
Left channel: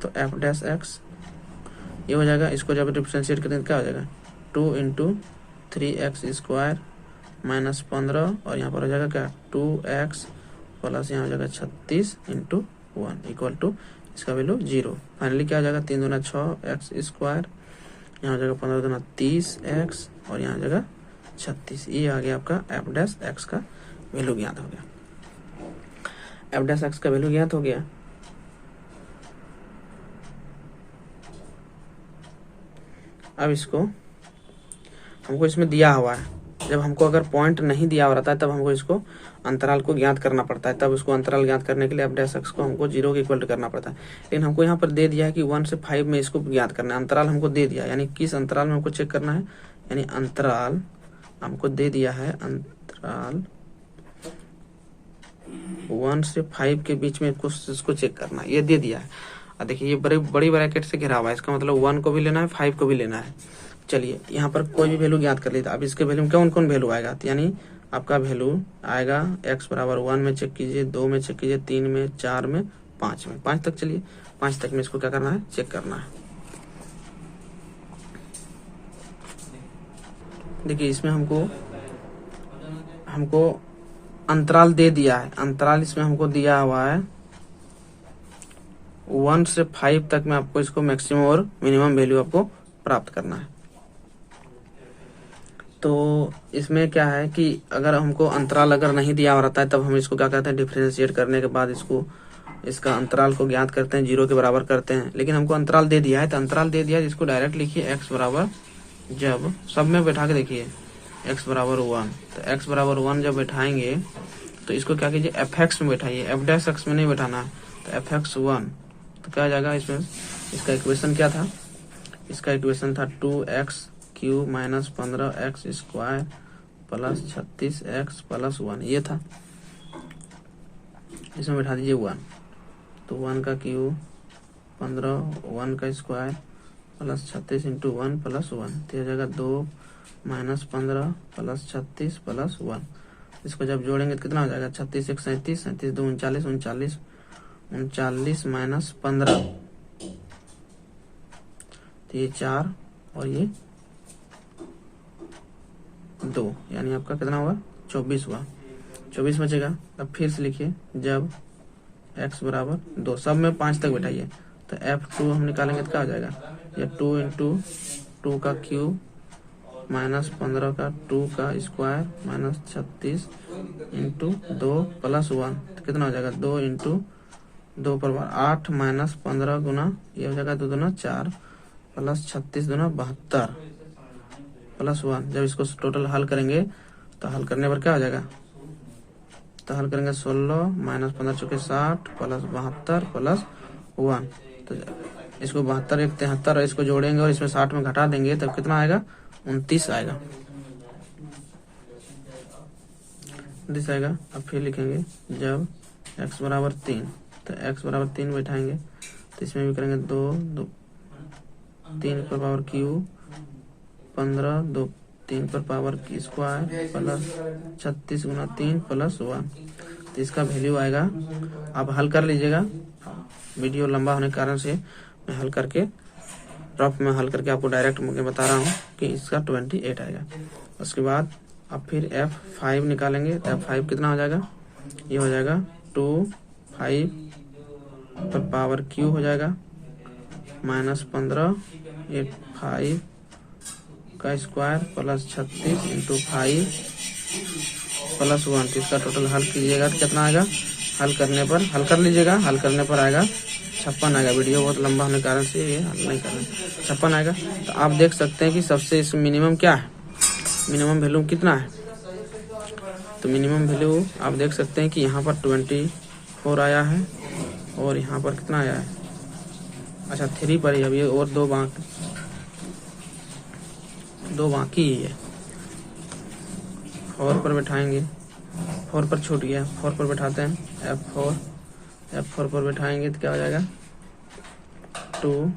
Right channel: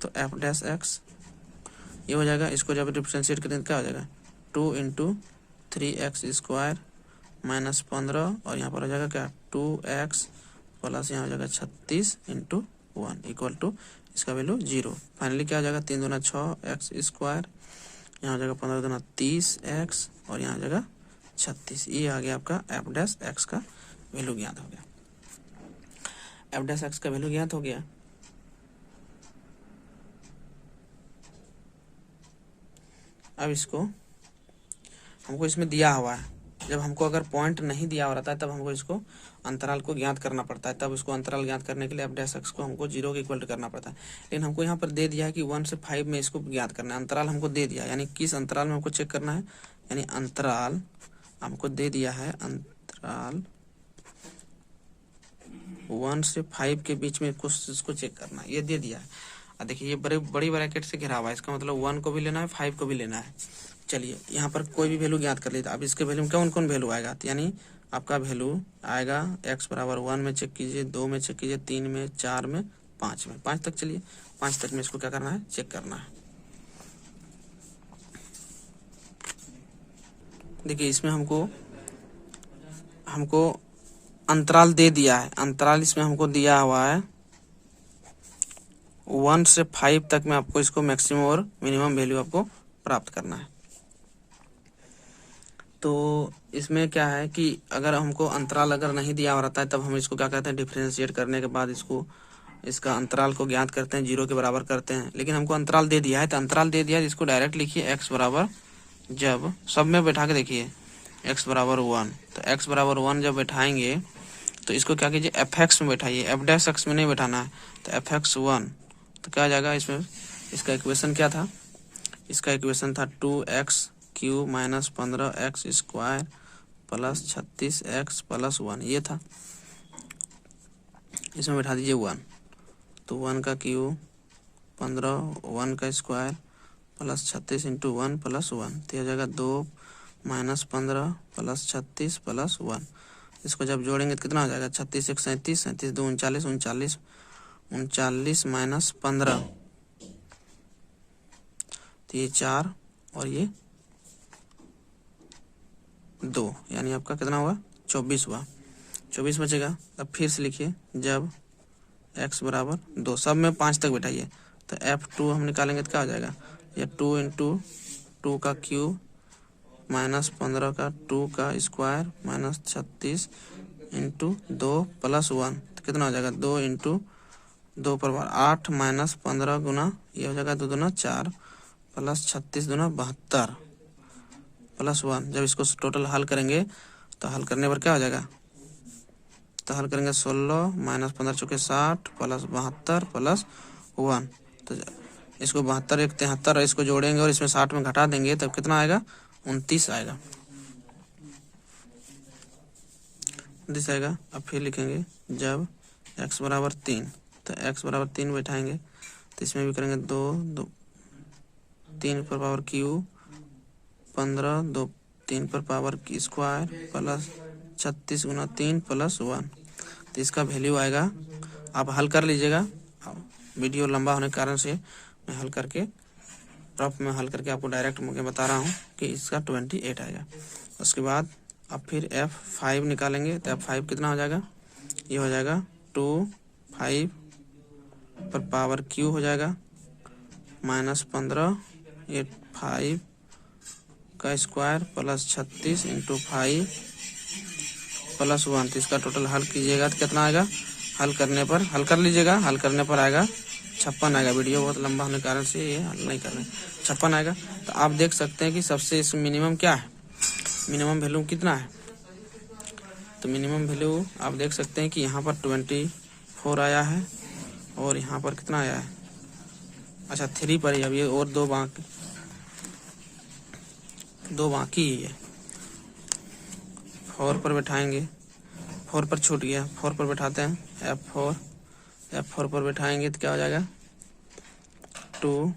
तो f(x) ये हो जाएगा। इसको जब डिफरेंशिएट करेंगे क्या हो जाएगा, 2 × 3x² माइनस 15, और यहाँ पर हो जाएगा क्या 2x प्लस यहाँ हो जाएगा 36 × 1 इक्वल टू इसका वैल्यू 0। फाइनली क्या हो जाएगा, 3 दूना 6x², यहाँ हो जाएगा 15 दूना 30x, और यहाँ हो जाएगा 36। ये आ गया आपका f(x) का वैल्यू ज्ञात हो गया। f(x) का वैल्यू ज्ञात हो गया। अब इसको हमको इसमें दिया हुआ है, जब हमको अगर पॉइंट नहीं दिया हुआ रहता है तब हमको इसको अंतराल को ज्ञात करना पड़ता है। तब उसको अंतराल ज्ञात करने के लिए f(x) को हमको 0 के इक्वल करना पड़ता है। लेकिन हमको यहाँ पर दे दिया है कि 1 से 5 में इसको ज्ञात करना है। अंतराल हमको दे दिया है, यानी किस अंतराल में हमको चेक करना है, यानी अंतराल हमको दे दिया है, अंतराल 1 से 5 के बीच में कुछ इसको चेक करना है, ये दे दिया है। और देखिए ये बड़ी ब्रैकेट से घिरा हुआ है, इसका मतलब 1 को भी लेना है, 5 को भी लेना है। चलिए यहाँ पर कोई भी वैल्यू ज्ञात कर लीजिए। अब इसके वैल्यू में कौन कौन वैल्यू आएगा, यानी आपका वैल्यू आएगा x बराबर 1 में चेक कीजिए, 2 में चेक कीजिए, 3 में, 4 में, 5 में, 5 तक। चलिए 5 तक में इसको क्या करना है, चेक करना है। देखिए इसमें हमको अंतराल दे दिया है, अंतराल इसमें हमको दिया हुआ है 1 से 5 तक में आपको इसको मैक्सिमम और मिनिमम वैल्यू आपको प्राप्त करना है। तो इसमें क्या है कि अगर हमको अंतराल अगर नहीं दिया हुआ रहता है तब हम इसको क्या कहते हैं, डिफरेंशिएट करने के बाद इसका अंतराल को ज्ञात करते हैं, 0 के बराबर करते हैं। लेकिन हमको अंतराल दे दिया है, तो अंतराल दे दिया है, इसको डायरेक्ट लिखिए x बराबर, जब सब में बैठा के देखिए x बराबर 1, तो x बराबर 1 जब बैठाएंगे तो इसको क्या कीजिए, f(x) में बैठाइए, f(x) में नहीं बैठाना है। तो f(x)(1) तो क्या आ जाएगा, इसमें इसका इक्वेशन क्या था, इसका इक्वेशन था 2x³ minus 15x² plus 36x plus 1, ये था। इसमें बैठा दीजिए 1, तो 1 का क्यूब 15, 1 का स्क्वायर प्लस 36 × 1 प्लस 1, तो हो जाएगा 2 माइनस 15 प्लस 36 प्लस 1। इसको जब जोड़ेंगे तो कितना हो जाएगा, 36 1 37, 37 2 39, 39 39 माइनस 15, तो ये 4 और ये 2, यानी आपका कितना हुआ, 24 हुआ, 24 बचेगा। अब फिर से लिखिए, जब x बराबर 2, सब में 5 तक बैठाइए, तो f(2) हम निकालेंगे तो क्या हो जाएगा, ये 2 इंटू 2 का क्यूब माइनस 15 का 2 का स्क्वायर माइनस 36 इंटू 2 प्लस 1, तो कितना हो जाएगा 2 इंटू 2 पर 8 माइनस 15 गुना ये हो जाएगा 2 दूना 4 प्लस 36 दूना 72 प्लस 1। जब इसको टोटल हल करेंगे तो हल करने पर क्या हो जाएगा, तो हल करेंगे 16 माइनस 15 चौके 60 प्लस 72 प्लस 1, तो इसको 72 एक 73 और इसको जोड़ेंगे और इसमें 60 में घटा देंगे तब कितना आएगा 29 आएगा, 29 आएगा। अब फिर लिखेंगे जब x बराबर 3, तो x बराबर 3 बैठाएंगे तो इसमें भी करेंगे 2 3 पर पावर क्यूब 15 2 3 पर पावर की स्क्वायर प्लस 36 गुना 3 प्लस 1, तो इसका वैल्यू आएगा, आप हल कर लीजिएगा, वीडियो लंबा होने के कारण से मैं हल करके रफ में हल करके आपको डायरेक्ट मुझे बता रहा हूँ कि इसका 28 आएगा। उसके बाद अब फिर F5 निकालेंगे तो F5 कितना हो जाएगा, ये हो जाएगा 2 5 पर पावर क्यू हो जाएगा माइनस 15 ये 5 का स्क्वायर प्लस 36 इंटू 5 प्लस 1, तो इसका टोटल हल कीजिएगा तो कितना आएगा, हल करने पर हल कर लीजिएगा, हल करने पर आएगा 56 आएगा। वीडियो बहुत लंबा होने के कारण से ये हल नहीं कर रहा, 56 आएगा। तो आप देख सकते हैं कि सबसे इस मिनिमम क्या है, मिनिमम वैल्यू कितना है, तो मिनिमम वैल्यू आप देख सकते हैं कि यहाँ पर 24 आया है और यहाँ पर कितना आया है, अच्छा 3 पर ही, अब ये और दो बाकी ही है। 4 पर बैठाएंगे, 4 पर छूट गया, 4 पर बैठाते हैं F4 पर बैठाएंगे तो क्या हो जाएगा 2।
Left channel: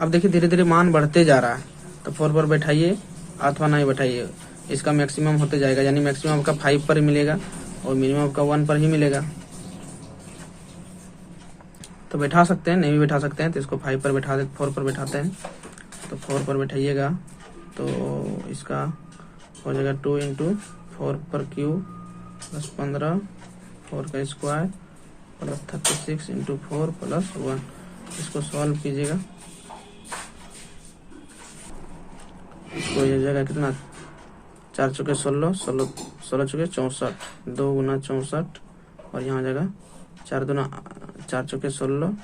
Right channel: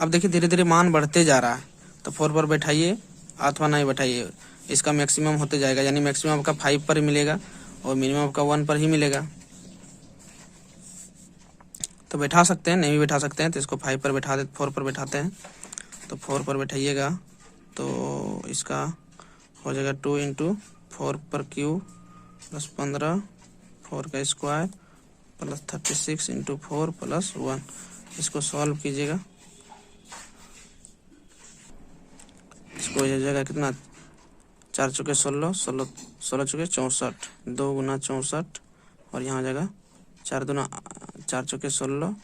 अब देखिए धीरे धीरे मान बढ़ते जा रहा है, तो 4 पर बैठाइए अथवा नहीं बैठाइए, इसका मैक्सिमम होते जाएगा, यानी मैक्सिमम आपका 5 पर ही मिलेगा और मिनिमम आपका 1 पर ही मिलेगा। तो बैठा सकते हैं, नहीं भी बैठा सकते हैं तो इसको 5 पर बैठा दे, 4 पर बैठाते हैं, तो 4 पर बैठाइएगा तो इसका हो जाएगा 2 इंटू 4 पर क्यूब प्लस 15 4 का स्क्वायर प्लस 36 इंटू 4 प्लस 1, इसको सॉल्व कीजिएगा, इसको हो जाएगा कितना 4 चौके 16 16 चौके 64 2 गुना 64 और यहाँ हो जाएगा 4 चौके 16,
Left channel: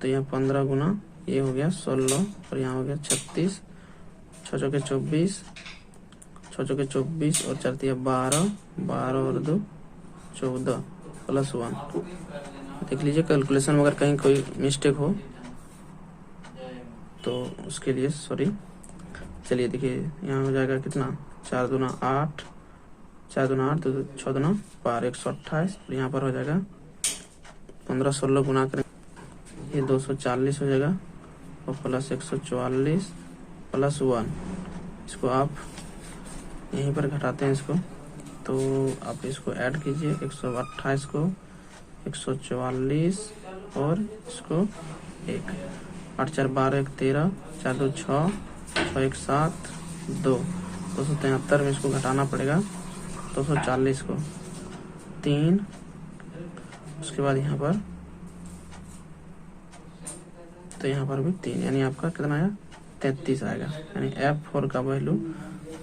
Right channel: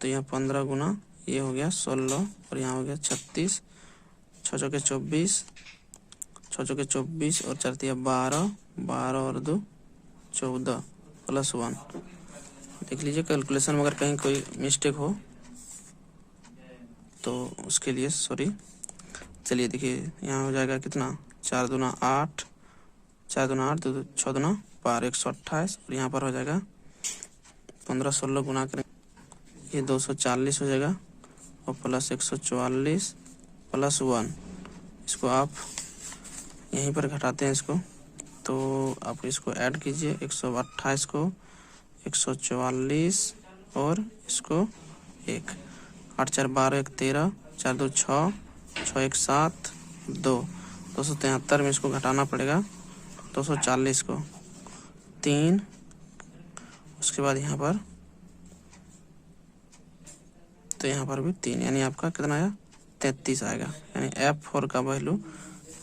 तो यहाँ 15 गुना ये हो गया 16 और यहाँ हो गया 36 6 चौके 24 6 चौके 24 और 4 तिया 12 12 और 2 14 प्लस 1। देख लीजिए कैलकुलेशन में अगर कहीं कोई मिस्टेक हो तो उसके लिए सॉरी। चलिए देखिए यहाँ हो जाएगा कितना 4 दूना 8 4 दूना 8 2 6 दूना 12 128 और यहाँ पर हो जाएगा 15 16 गुना करें ये 240 हो जाएगा और प्लस 144 प्लस 1, इसको आप यहीं पर घटाते हैं इसको, तो आप इसको ऐड कीजिए 128 को 144 और इसको 1 8 4 12 1 13 4 2 6 6 1 7 2 273 में इसको घटाना पड़ेगा 240 को 3, उसके बाद यहाँ पर तो यहाँ पर भी 3, यानी आपका कितना आया 33 आएगा, यानी F4 का वैल्यू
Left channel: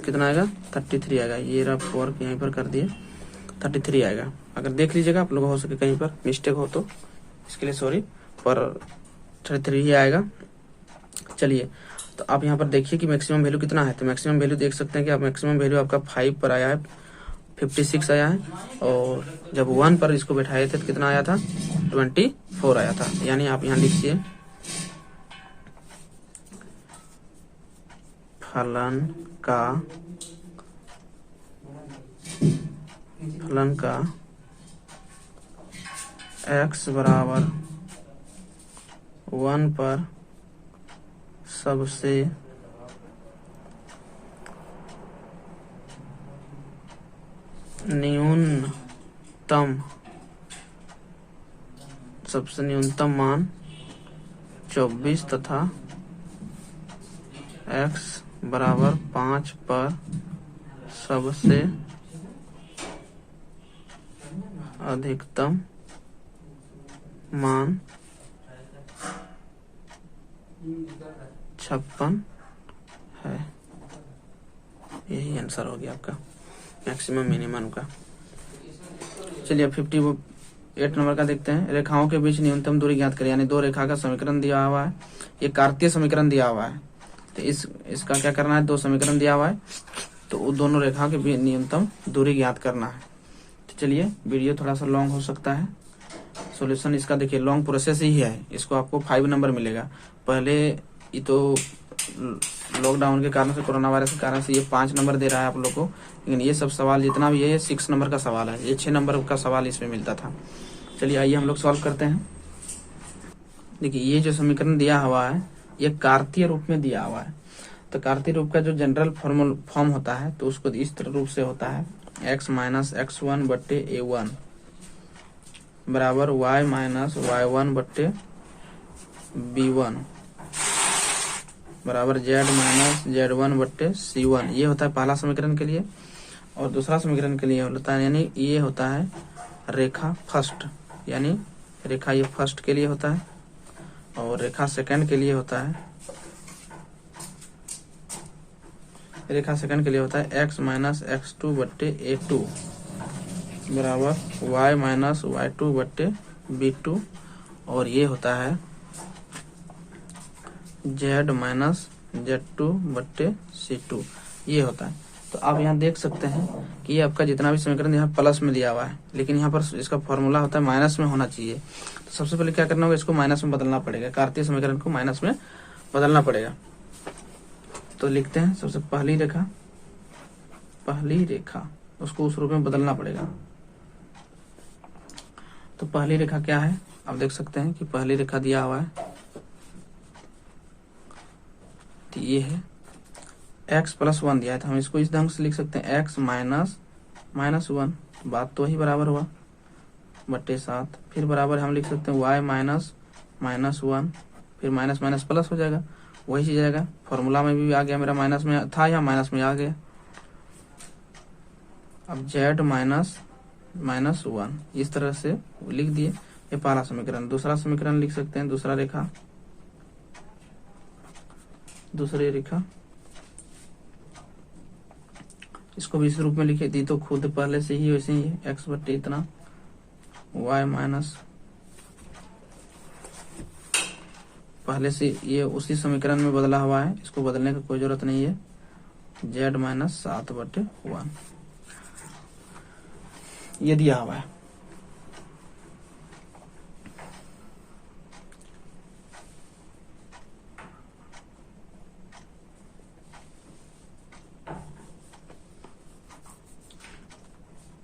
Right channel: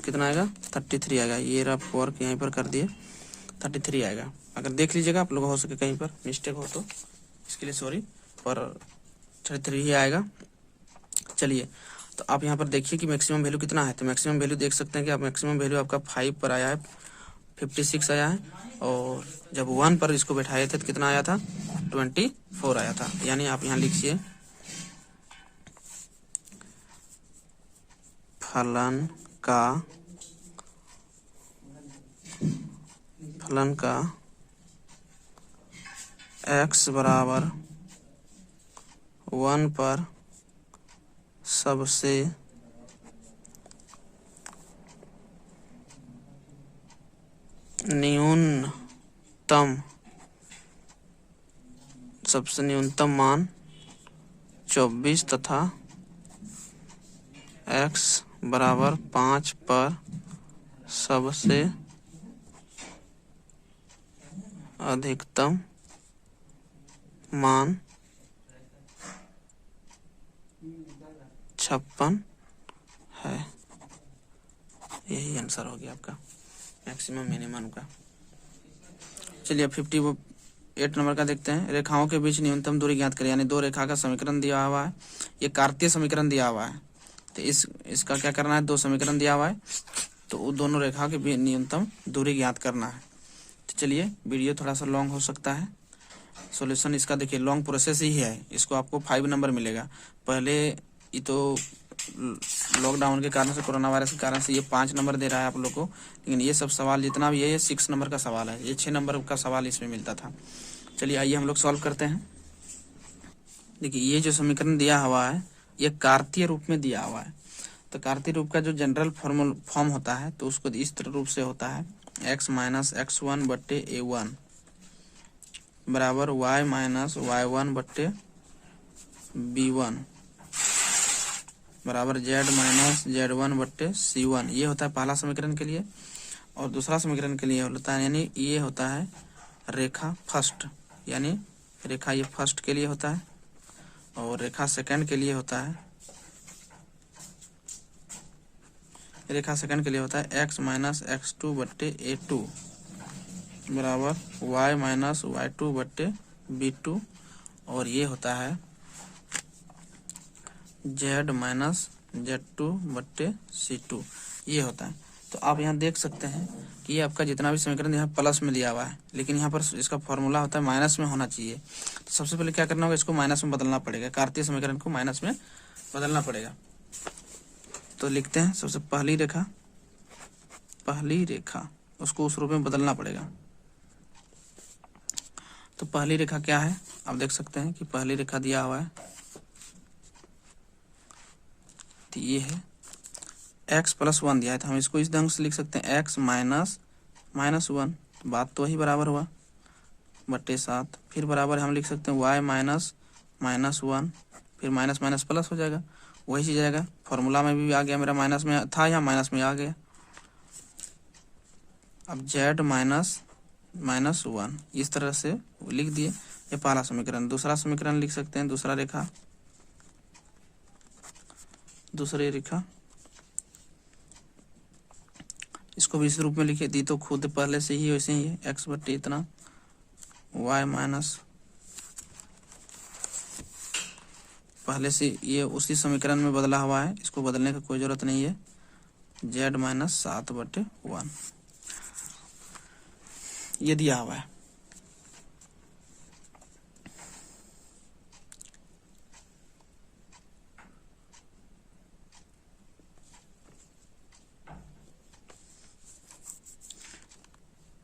कितना आएगा 33 आएगा। ये रफ वर्क यहीं पर कर दिए 33 आएगा। अगर देख लीजिएगा आप लोग हो सके कहीं पर मिस्टेक हो तो इसके लिए सॉरी, पर 33 ही आएगा। चलिए तो आप यहाँ पर देखिए कि मैक्सिमम वैल्यू कितना है, तो मैक्सिमम वैल्यू देख सकते हैं कि आप मैक्सिमम वैल्यू आपका 5 पर आया है 56 आया है और जब 1 पर इसको बैठाए थे तो कितना आया था 24 आया था। यानी आप यहाँ लिखिए फलन का x बराबर 1 पर सबसे न्यूनतम मान 24 तथा x बराबर 5 पर सबसे अधिकतम मान 56 है। यही आंसर हो गया आपका मैक्सिमम मिनिमम का। चलिए 58 नंबर का देखते हैं। रेखाओं के बीच न्यूनतम दूरी ज्ञात करें, यानी दो रेखा का समीकरण दिया हुआ है, ये कार्तीय समीकरण दिया हुआ है, तो इसका क्या करना है, दो समीकरण दिया हुआ है, तो वो दोनों रेखाओं के बीच न्यूनतम दूरी ज्ञात करना है। तो चलिए वीडियो थोड़ा सा लॉन्ग हो सकता है, सॉल्यूशन इसका देखिए लॉन्ग प्रोसेस ही है, इसको आपको 5 नंबर मिलेगा। पहले ये तो लॉकडाउन के कारण से, कोरोना वायरस के कारण से ये 5 नंबर दे रहा है आप लोग को, लेकिन ये सब सवाल जितना भी है ये 6 नंबर का सवाल है, ये 6 नंबर का सवाल इसमें मिलता था। चलिए आइए हम लोग सॉल्व करते हैं। देखिए ये जो समीकरण दिया हुआ है ये कार्तीय रूप में दिया हुआ है, तो कार्तीय रूप का जो जनरल फॉर्म होता है तो उसको इस तरह रूप से होता है, x माइनस x1 बट्टे a1 बराबर y माइनस y1 बट्टे b1 बराबर z माइनस z1 बट्टे c1। ये होता है पहला समीकरण के लिए। और दूसरा समीकरण के लिए होता है, यानी ये होता है रेखा फर्स्ट, यानी रेखा ये फर्स्ट के लिए होता है, और रेखा सेकंड के लिए होता है, रेखा सेकंड के लिए होता है x माइनस x2 बट्टे a2 बराबर y माइनस y2 बट्टे b2, और ये होता है z माइनस z2 बट्टे c2, ये होता है। तो आप यहाँ देख सकते हैं कि ये आपका जितना भी समीकरण यहाँ प्लस में दिया हुआ है, लेकिन यहाँ पर इसका फॉर्मूला होता है माइनस में होना चाहिए। तो सबसे पहले क्या करना होगा, इसको माइनस में बदलना पड़ेगा, कार्तीय समीकरण को माइनस में बदलना पड़ेगा। तो लिखते हैं सबसे पहली रेखा उसको उस रूप में बदलना पड़ेगा। तो पहली रेखा क्या है, आप देख सकते हैं कि पहली रेखा दिया हुआ है, तो ये है x प्लस 1 दिया है, तो हम इसको इस ढंग से लिख सकते हैं x माइनस 1, बात तो वही बराबर हुआ बट्टे 7, फिर बराबर हम लिख सकते हैं y माइनस 1, फिर माइनस माइनस प्लस हो जाएगा, वही चीज आएगा। फॉर्मूला में भी आ गया, मेरा माइनस में था या माइनस में आ गया। अब z माइनस 1 इस तरह से लिख दिए, ये पहला समीकरण। दूसरा समीकरण लिख सकते हैं, दूसरी रेखा इसको भी इस रूप में लिखे दी, तो खुद पहले से ही वैसे ही है, x बट्टे इतना y माइनस, पहले से ये उसी समीकरण में बदला हुआ है, इसको बदलने की कोई जरूरत नहीं है, z माइनस 7 बट्टे 1 ये दिया हुआ है।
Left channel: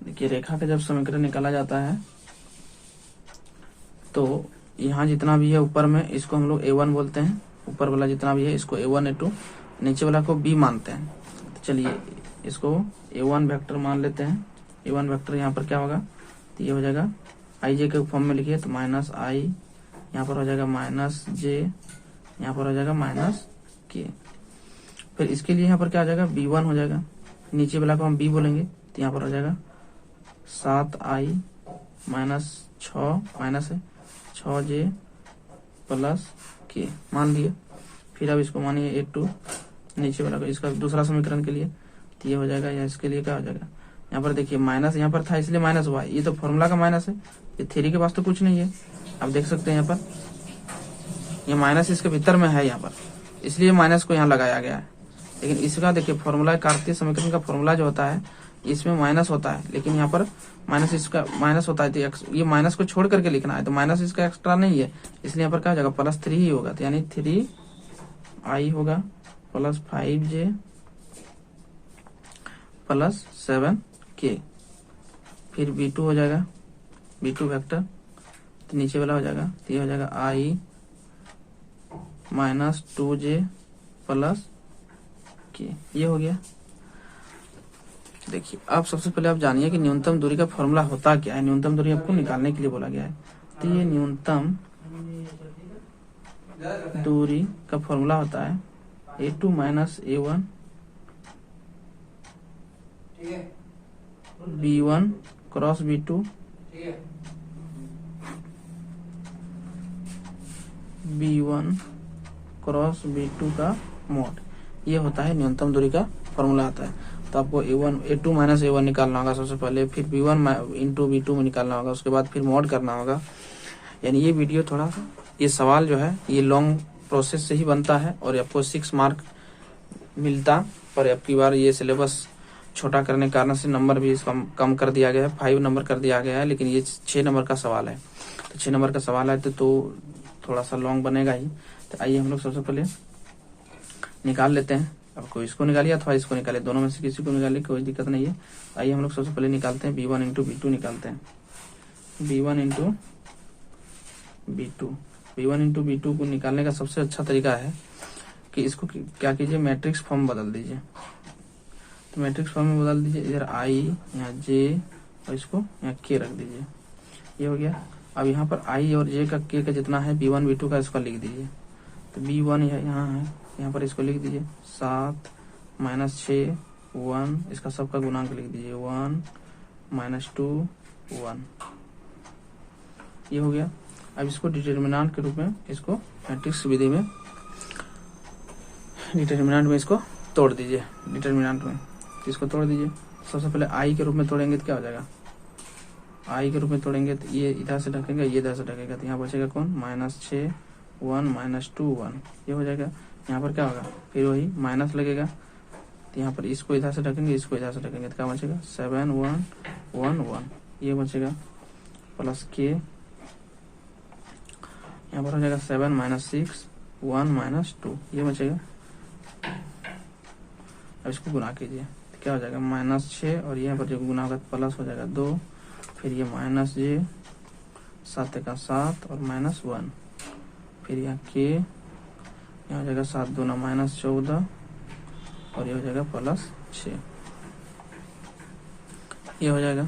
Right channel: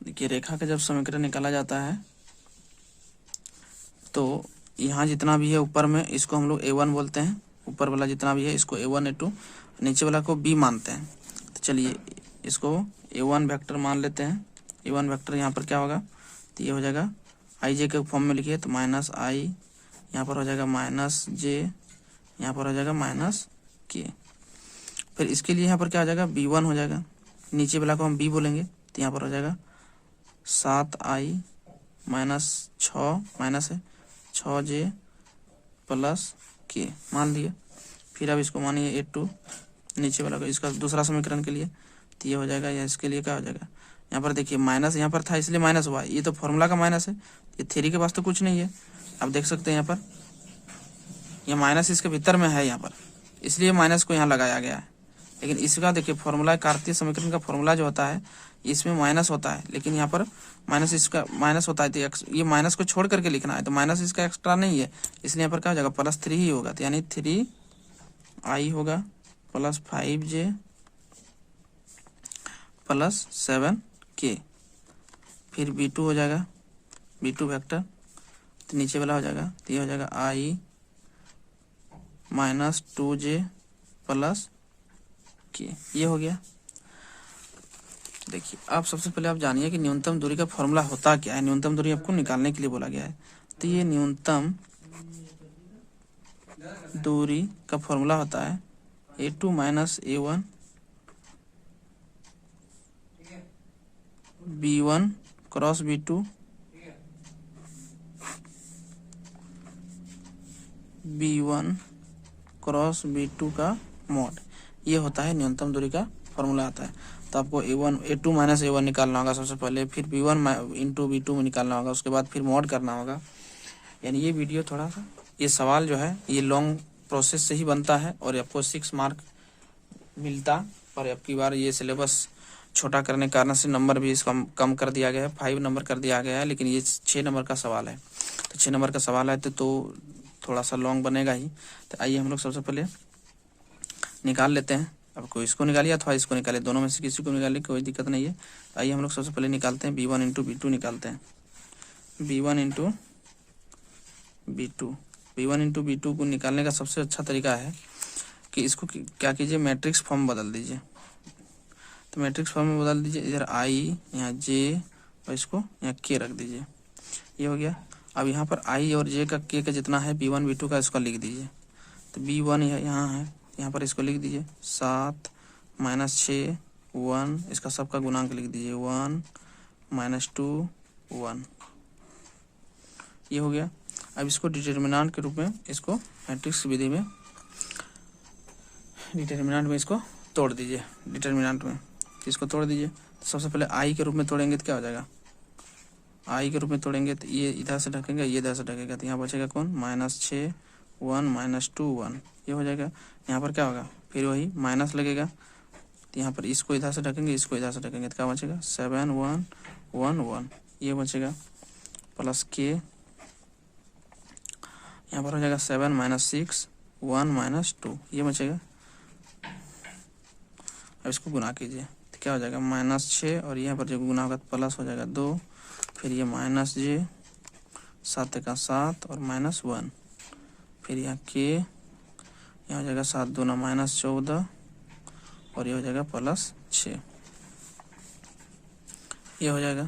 देखिए रेखा का जब समीकरण निकाला जाता है तो यहाँ जितना भी है ऊपर में इसको हम लोग a1 बोलते हैं, ऊपर वाला जितना भी है इसको a1 a2, नीचे वाला को b मानते हैं। तो चलिए इसको a1 वेक्टर मान लेते हैं। a1 वेक्टर यहाँ पर क्या होगा, तो ये हो जाएगा ij के फॉर्म में लिखिए, तो माइनस i यहाँ पर हो जाएगा माइनस j, यहाँ पर हो जाएगा माइनस k। फिर इसके लिए यहाँ पर क्या हो जाएगा, b1 हो जाएगा, नीचे वाला को हम b बोलेंगे, तो यहाँ पर हो जाएगा 7i माइनस 6 माइनस है 6j प्लस k मान लिया। फिर अब इसको मानिए a2, नीचे वाला को इसका दूसरा समीकरण के लिए, तो ये हो जाएगा, या इसके लिए क्या हो जाएगा, यहाँ पर देखिए माइनस यहाँ पर था इसलिए माइनस हुआ, ये तो फॉर्मूला का माइनस है, ये थ्री के पास तो कुछ नहीं है। आप देख सकते हैं यहाँ पर ये माइनस इसके भीतर में है यहाँ पर, इसलिए माइनस को यहाँ लगाया गया है। लेकिन इसका देखिए फॉर्मूला, कार्तीय समीकरण का फॉर्मूला जो होता है इसमें माइनस होता है, लेकिन यहाँ पर माइनस इसका माइनस होता है, तो ये माइनस को छोड़ करके लिखना है, तो माइनस इसका एक्स्ट्रा नहीं है, इसलिए यहाँ पर क्या हो जाएगा, +3 ही होगा, तो यानी 3i होगा प्लस 5j प्लस 7k। फिर b2 हो जाएगा, b2 वेक्टर, तो नीचे वाला हो जाएगा, तो ये हो जाएगा i minus 2j plus k, ये हो गया। देखिए आप सबसे पहले आप जानिए कि न्यूनतम दूरी का फॉर्मूला होता क्या है। न्यूनतम दूरी आपको निकालने के लिए बोला गया है, तो ये न्यूनतम दूरी का फॉर्मूला होता है a2 minus a1 b1 cross b2 B1 cross B2 का मॉड, ये होता है न्यूनतम दूरी का फॉर्मूला आता है। तो आपको A2 माइनस A1 निकालना होगा सबसे पहले, फिर B1 इंटू B2 में निकालना होगा, उसके बाद फिर मॉड करना होगा। यानी ये वीडियो थोड़ा सा, ये सवाल जो है ये लॉन्ग प्रोसेस से ही बनता है और आपको 6 मार्क मिलता, पर अब की बार ये सिलेबस छोटा करने के कारण से नंबर भी इसका कम कर दिया गया है, 5 नंबर कर दिया गया है, लेकिन ये 6 नंबर का सवाल है। तो 6 नंबर का सवाल है तो थोड़ा सा लॉन्ग बनेगा ही। तो आइए हम लोग सबसे पहले निकाल लेते हैं। अब कोई इसको निकालिए अथवा इसको निकालिए, दोनों में से किसी को निकालिए, कोई दिक्कत नहीं है। आइए हम लोग सबसे पहले निकालते हैं B1 इंटू B2 निकालते हैं। B1 into B2, B1 into B2 को निकालने का सबसे अच्छा तरीका है कि इसको क्या कीजिए, मैट्रिक्स फॉर्म बदल दीजिए। तो मैट्रिक्स फॉर्म में बदल दीजिए, इधर I यहाँ J और इसको यहाँ K रख दीजिए, ये हो गया। अब यहाँ पर I और J का K का जितना है B1 B2 का इसका लिख दीजिए। तो B1 यहाँ है, यहाँ पर इसको लिख दीजिए 7 माइनस 6 1, इसका सबका गुणांक लिख दीजिए 1 माइनस 2 1, ये हो गया। अब इसको डिटर्मिनेंट के रूप में, इसको मैट्रिक्स विधि में डिटर्मिनेंट में इसको तोड़ दीजिए। डिटर्मिनेंट में इसको तोड़ दीजिए। सबसे पहले I के रूप में तोड़ेंगे तो क्या हो जाएगा, I के रूप में तोड़ेंगे तो ये इधर से ढकेगा, ये इधर से ढकेगा, तो यहाँ बचेगा कौन, -6 1 माइनस 2 1, ये हो जाएगा। यहाँ पर क्या होगा, फिर वही माइनस लगेगा, तो यहाँ पर इसको इधर से ढकेंगे, इसको इधर से ढकेंगे, तो क्या बचेगा 7 1 1 1, ये बचेगा। प्लस K, यहाँ पर हो जाएगा 7 माइनस 6 1 माइनस 2, ये बचेगा। अब इसको गुना कीजिए तो क्या हो जाएगा, -6 और यहाँ पर जब गुना होगा प्लस हो जाएगा 2, फिर ये माइनस J 7 का 7 और -1, फिर यहाँ K, यहाँ हो जाएगा 7 दूना -14 और ये हो जाएगा +6, ये हो जाएगा।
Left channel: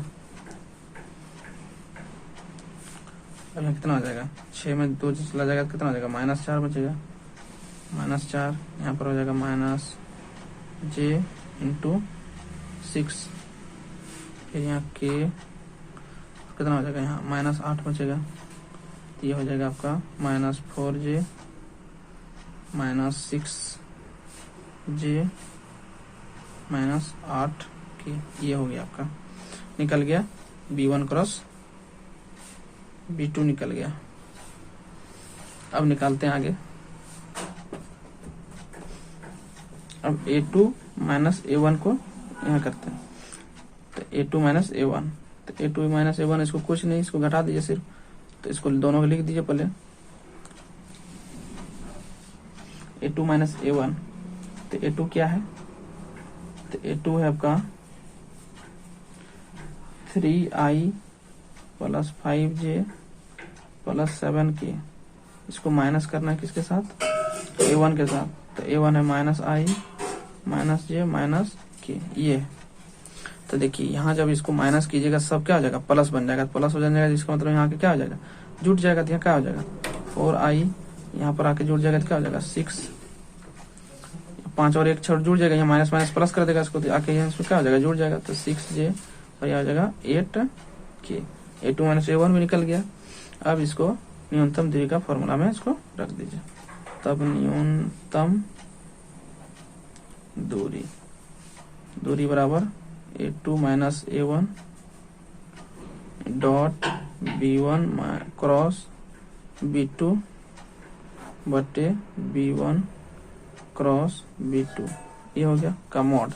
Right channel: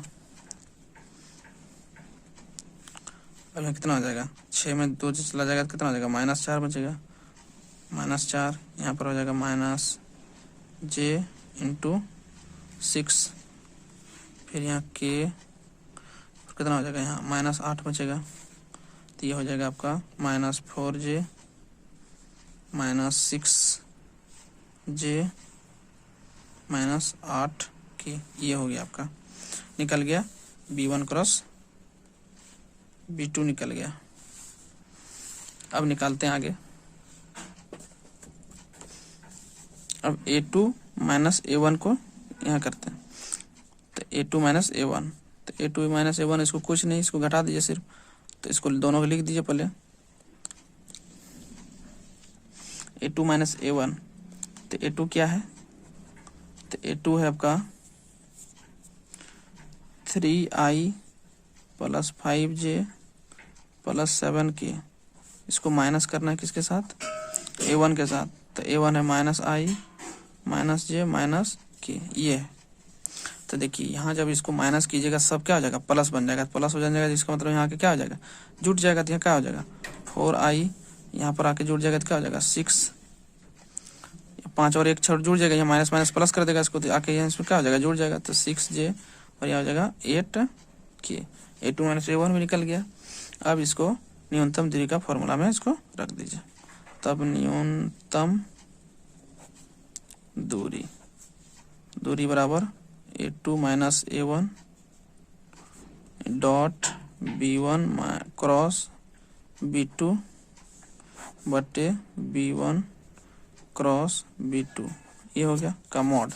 अब यहाँ कितना हो जाएगा, 6 में 2 चला जाएगा तो कितना हो जाएगा, -4 बचेगा, -4, यहाँ पर हो जाएगा -J इंटू 6, फिर यहाँ K कितना हो जाएगा, यहाँ -8 बचेगा, तो ये हो जाएगा आपका -4J -6J -8K, ये हो गया आपका, निकल गया B1 क्रॉस B2 निकल गया। अब निकालते हैं आगे। अब A2 माइनस A1 को यहाँ करते हैं, तो A2 माइनस A1, तो A2 माइनस A1 इसको कुछ नहीं, इसको घटा दीजिए सिर्फ, तो इसको दोनों को लिख दीजिए पहले। A2 माइनस A1, तो A2 क्या है, तो A2 है आपका 3I plus 5J plus 7K, इसको माइनस करना है किसके साथ, A1 के साथ, तो A1 है -I -J -K, ये है। तो देखिए यहाँ जब इसको माइनस कीजिएगा सब क्या हो जाएगा, प्लस बन जाएगा, प्लस हो जाएगा, जिसका मतलब यहाँ के क्या हो जाएगा, जुट जाएगा, तो यहाँ क्या हो जाएगा 4I, यहाँ पर आके जुड़ जाएगा तो क्या हो जाएगा 6, 5 और 1 छोड़ जुड़ जाएगा, यहाँ माइनस माइनस प्लस कर देगा इसको, तो आके यहाँ इसमें क्या हो जाएगा, जुड़ जाएगा, तो 6J और यहाँ हो जाएगा 8K। A2 माइनस A1 भी निकल गया। अब इसको न्यूनतम दूरी का फॉर्मूला में इसको रख दीजिए, तब न्यूनतम दूरी बराबर A2 minus A1 dot B1 cross B2 बटे B1 क्रॉस B2, ये हो गया का मॉड।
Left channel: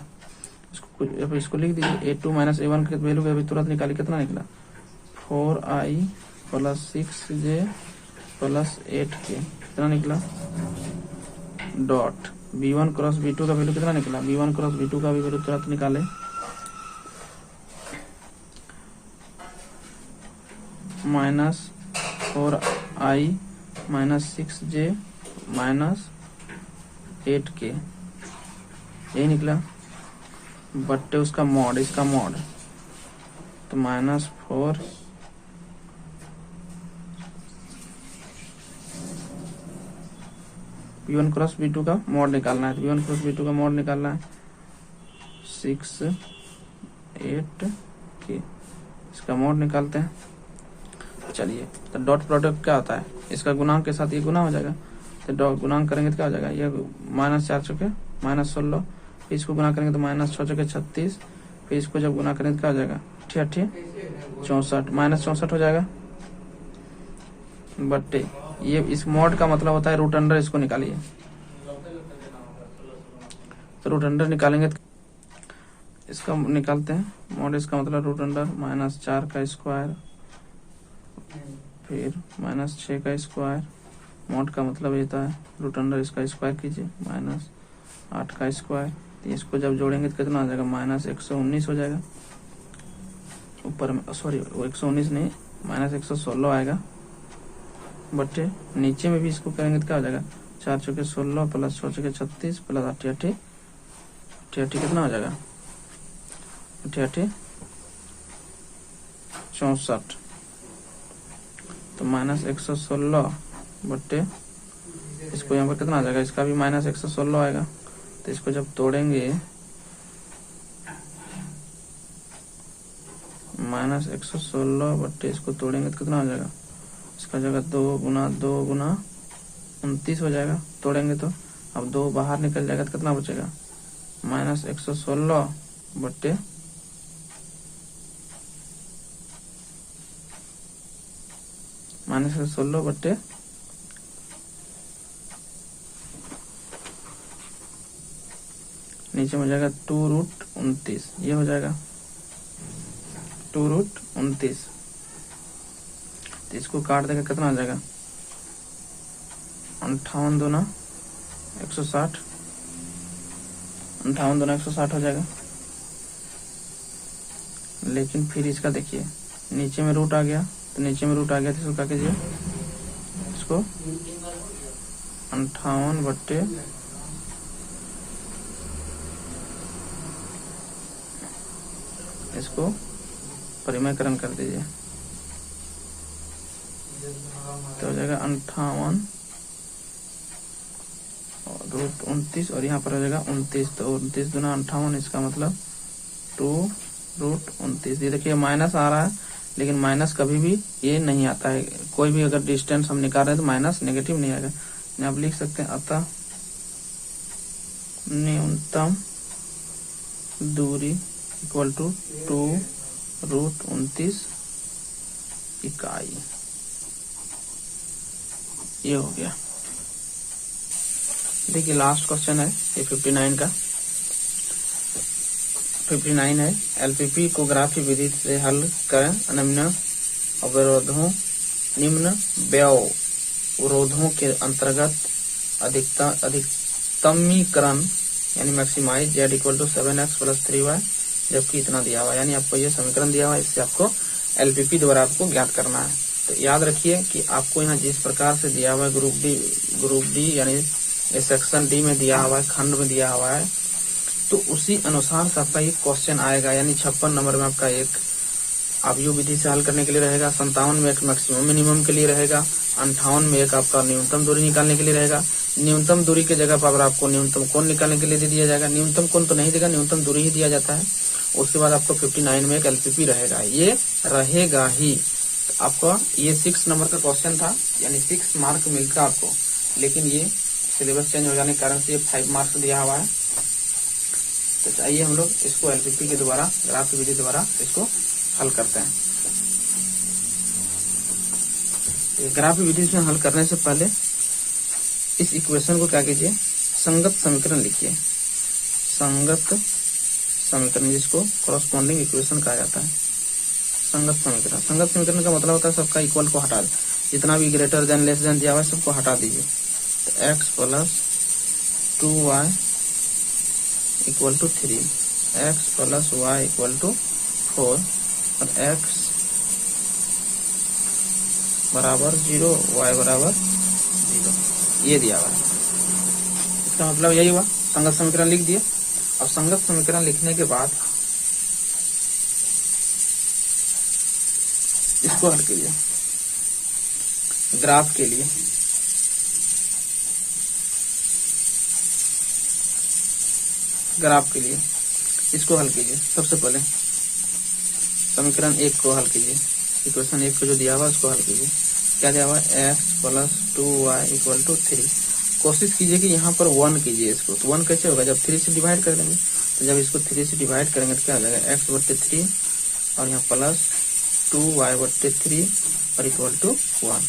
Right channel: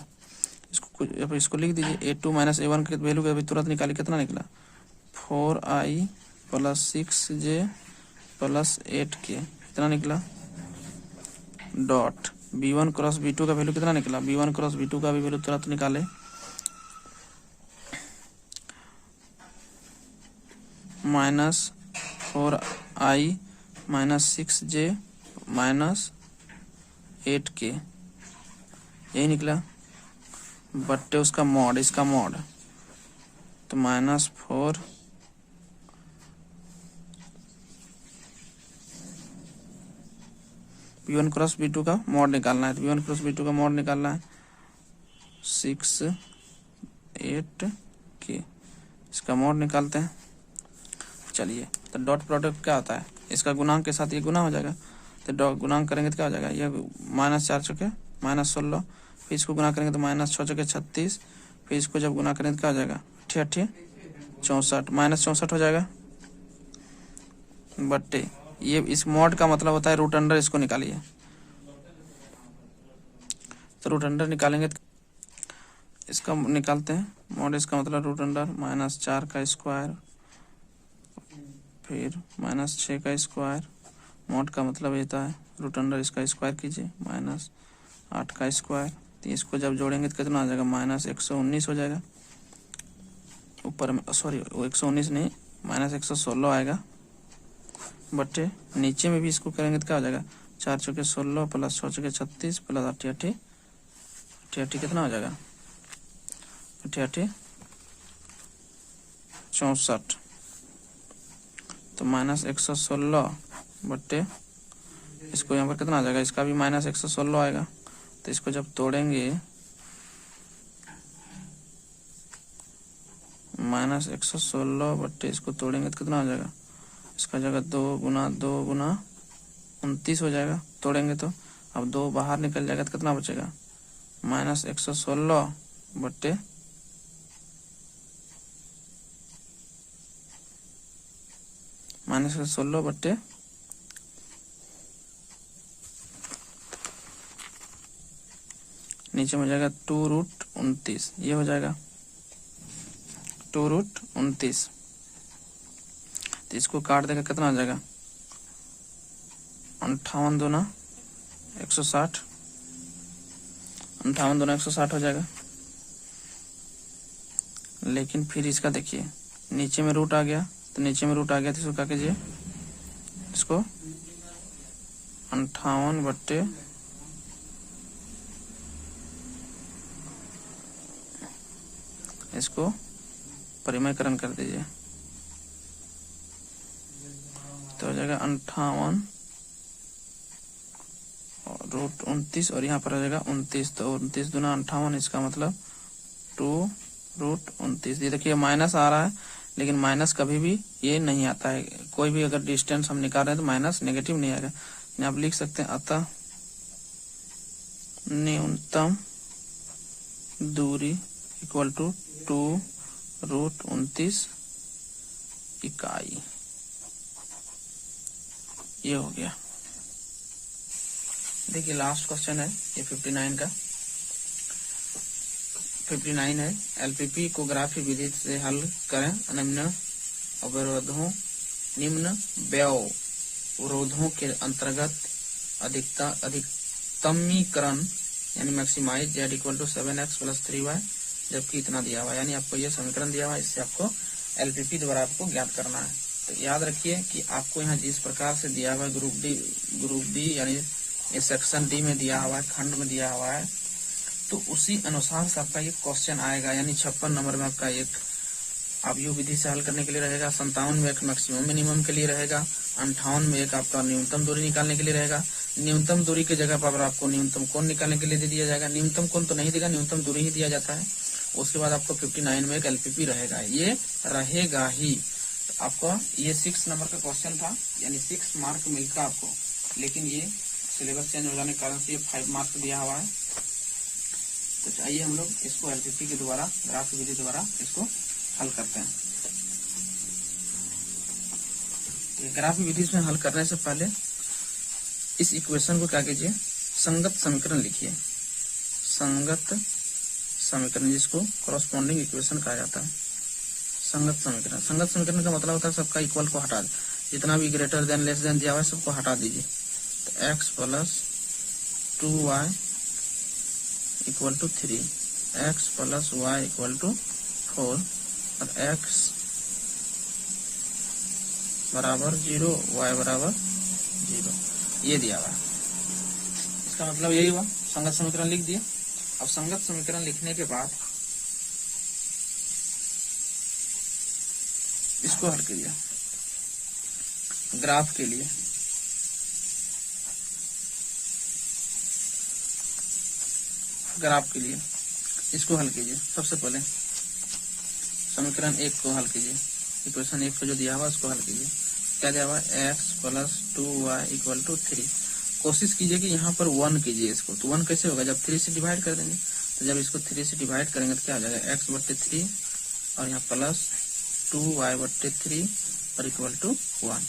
इसको लिख दीजिए, A2 माइनस A1 की वैल्यू अभी तुरंत निकाली, कितना निकला 4I plus 6J plus 8K, कितना निकला, डॉट B1 क्रॉस B2 का वैल्यू कितना निकला, B1 क्रॉस B2 का भी वैल्यू तुरंत निकाले, -4I minus 6J minus 8K, यही निकला, बट्टे उसका मॉड, इसका मॉड, तो -4 B1 क्रॉस B2 का मॉड निकालना है, B1 क्रॉस B2 का मॉड निकालना है 6 8K, इसका मॉड निकालते हैं। चलिए, तो डॉट प्रोडक्ट क्या होता है, इसका गुणांक के साथ ये गुना हो जाएगा, तो गुणांक करेंगे तो क्या हो जाएगा, ये -4 चौके -16, फिर इसको गुना करेंगे तो -6 चौके 36, फिर इसको जब गुना करेंगे तो क्या हो जाएगा 8 64, -64 हो जाएगा बट्टे ये इस मॉड का मतलब होता है रूट अंडर, इसको निकालिए। तो रूट अंडर निकालेंगे तो इसका निकालते हैं मॉड, इसका मतलब रूट अंडर -4 का स्क्वायर फिर -6 का स्क्वायर, मॉड का मतलब ये है रूट अंडर इसका स्क्वायर कीजिए -8 का स्क्वायर, तो इसको जब जोड़ेंगे तो कितना हो जाएगा -119 हो जाएगा, ऊपर में सॉरी 119 नहीं -116 आएगा बटे नीचे में भी इसको करेंगे तो क्या हो जाएगा 4 चौके 16 प्लस 6 चौके 36 प्लस 88 कितना हो जाएगा 88 64, तो -116 बट्टे इसको यहाँ पर कितना आ जाएगा, इसका भी -116 आएगा, तो इसको जब तोड़ेंगे -116 बट्टे इसको तोड़ेंगे तो कितना आ जाएगा, इसका जगह 2 गुना 29 हो जाएगा, तोड़ेंगे तो अब 2 बाहर निकल जाएगा तो कितना बचेगा -116 बट्टे -116 बट्टे नीचे में जाएगा 2√29, ये हो जाएगा 2√29, तो इसको काट देंगे कितना हो जाएगा 58 दूना 160, 58 दूना 160 हो जाएगा। लेकिन फिर इसका देखिए नीचे में रूट आ गया, तो नीचे में रूट आ गया तो इसको क्या कीजिए, इसको 58 बट्टे इसको परिमेयकरण कर दीजिए, तो हो जाएगा 58√29 और यहाँ पर हो जाएगा 29, तो 29 दूना 58, इसका मतलब 2√29। ये देखिए माइनस आ रहा है, लेकिन माइनस कभी भी ये नहीं आता है, कोई भी अगर डिस्टेंस हम निकाल रहे हैं तो माइनस नेगेटिव नहीं आएगा। आप लिख सकते हैं अतः न्यूनतम दूरी इक्वल टू 2√29 इकाई, ये हो गया। देखिए लास्ट क्वेश्चन है ये 59 का, 59 है एलपीपी को ग्राफी विधि से हल करें, निम्न व्यवरोधों के अंतर्गत अधिकतमीकरण यानी maximise Z equal to 7x + 3y, जबकि इतना दिया हुआ, यानी आपको ये समीकरण दिया हुआ है, इससे आपको एलपीपी द्वारा आपको ज्ञात करना है। तो याद रखिए कि आपको यहाँ जिस प्रकार से दिया हुआ है ग्रुप डी यानी सेक्शन डी में दिया हुआ है, खंड में दिया हुआ है, तो उसी अनुसार से आपका एक क्वेश्चन आएगा, यानी 56 नंबर में आपका एक आप यू विधि से हल करने के लिए रहेगा, 57 में एक मैक्सिमम मिनिमम के लिए रहेगा, 58 में एक आपका न्यूनतम दूरी निकालने के लिए रहेगा। न्यूनतम दूरी की जगह पर आपको न्यूनतम कोण निकालने के लिए दे दिया जाएगा, न्यूनतम कोण तो नहीं देगा, न्यूनतम दूरी ही दिया जाता है। उसके बाद आपको 59 में एक एलपीपी रहेगा, ये रहेगा ही। आपका ये 6 नंबर का क्वेश्चन था, यानी 6 मार्क मिलता आपको, लेकिन ये सिलेबस चेंज हो जाने के कारण से ये 5 मार्क्स दिया हुआ है। तो चाहिए हम लोग इसको एलपीपी के द्वारा ग्राफ विधि द्वारा इसको हल करते हैं। ग्राफ विधि से हल करने से पहले इस इक्वेशन को क्या कीजिए, संगत समीकरण लिखिए, संगत समीकरण, जिसको कॉरस्पॉन्डिंग इक्वेशन कहा जाता है। संगत समीकरण, संगत समीकरण का मतलब होता है सबका इक्वल को हटा दो, जितना भी ग्रेटर देन लेस देन दिया हुआ सबको हटा दीजिए। तो x + 2y = 3, x + y = 4 और x = 0, y = 0, ये दिया हुआ है। इसका मतलब यही हुआ, संगत समीकरण लिख दिए। अब संगत समीकरण लिखने के बाद इसको हल कीजिए ग्राफ के लिए। ग्राफ के लिए इसको हल कीजिए। सबसे पहले समीकरण 1 को हल कीजिए, इक्वेशन 1 पे जो दिया हुआ है उसको हल कीजिए। क्या दिया हुआ है, x plus 2y equal to 3। कोशिश कीजिए कि यहाँ पर 1 कीजिए इसको। तो 1 कैसे होगा, जब 3 से डिवाइड कर देंगे। तो जब इसको 3 से डिवाइड करेंगे तो क्या हो जाएगा, x बट्टे 3 और यहाँ प्लस 2y बट्टे 3 और इक्वल टू 1।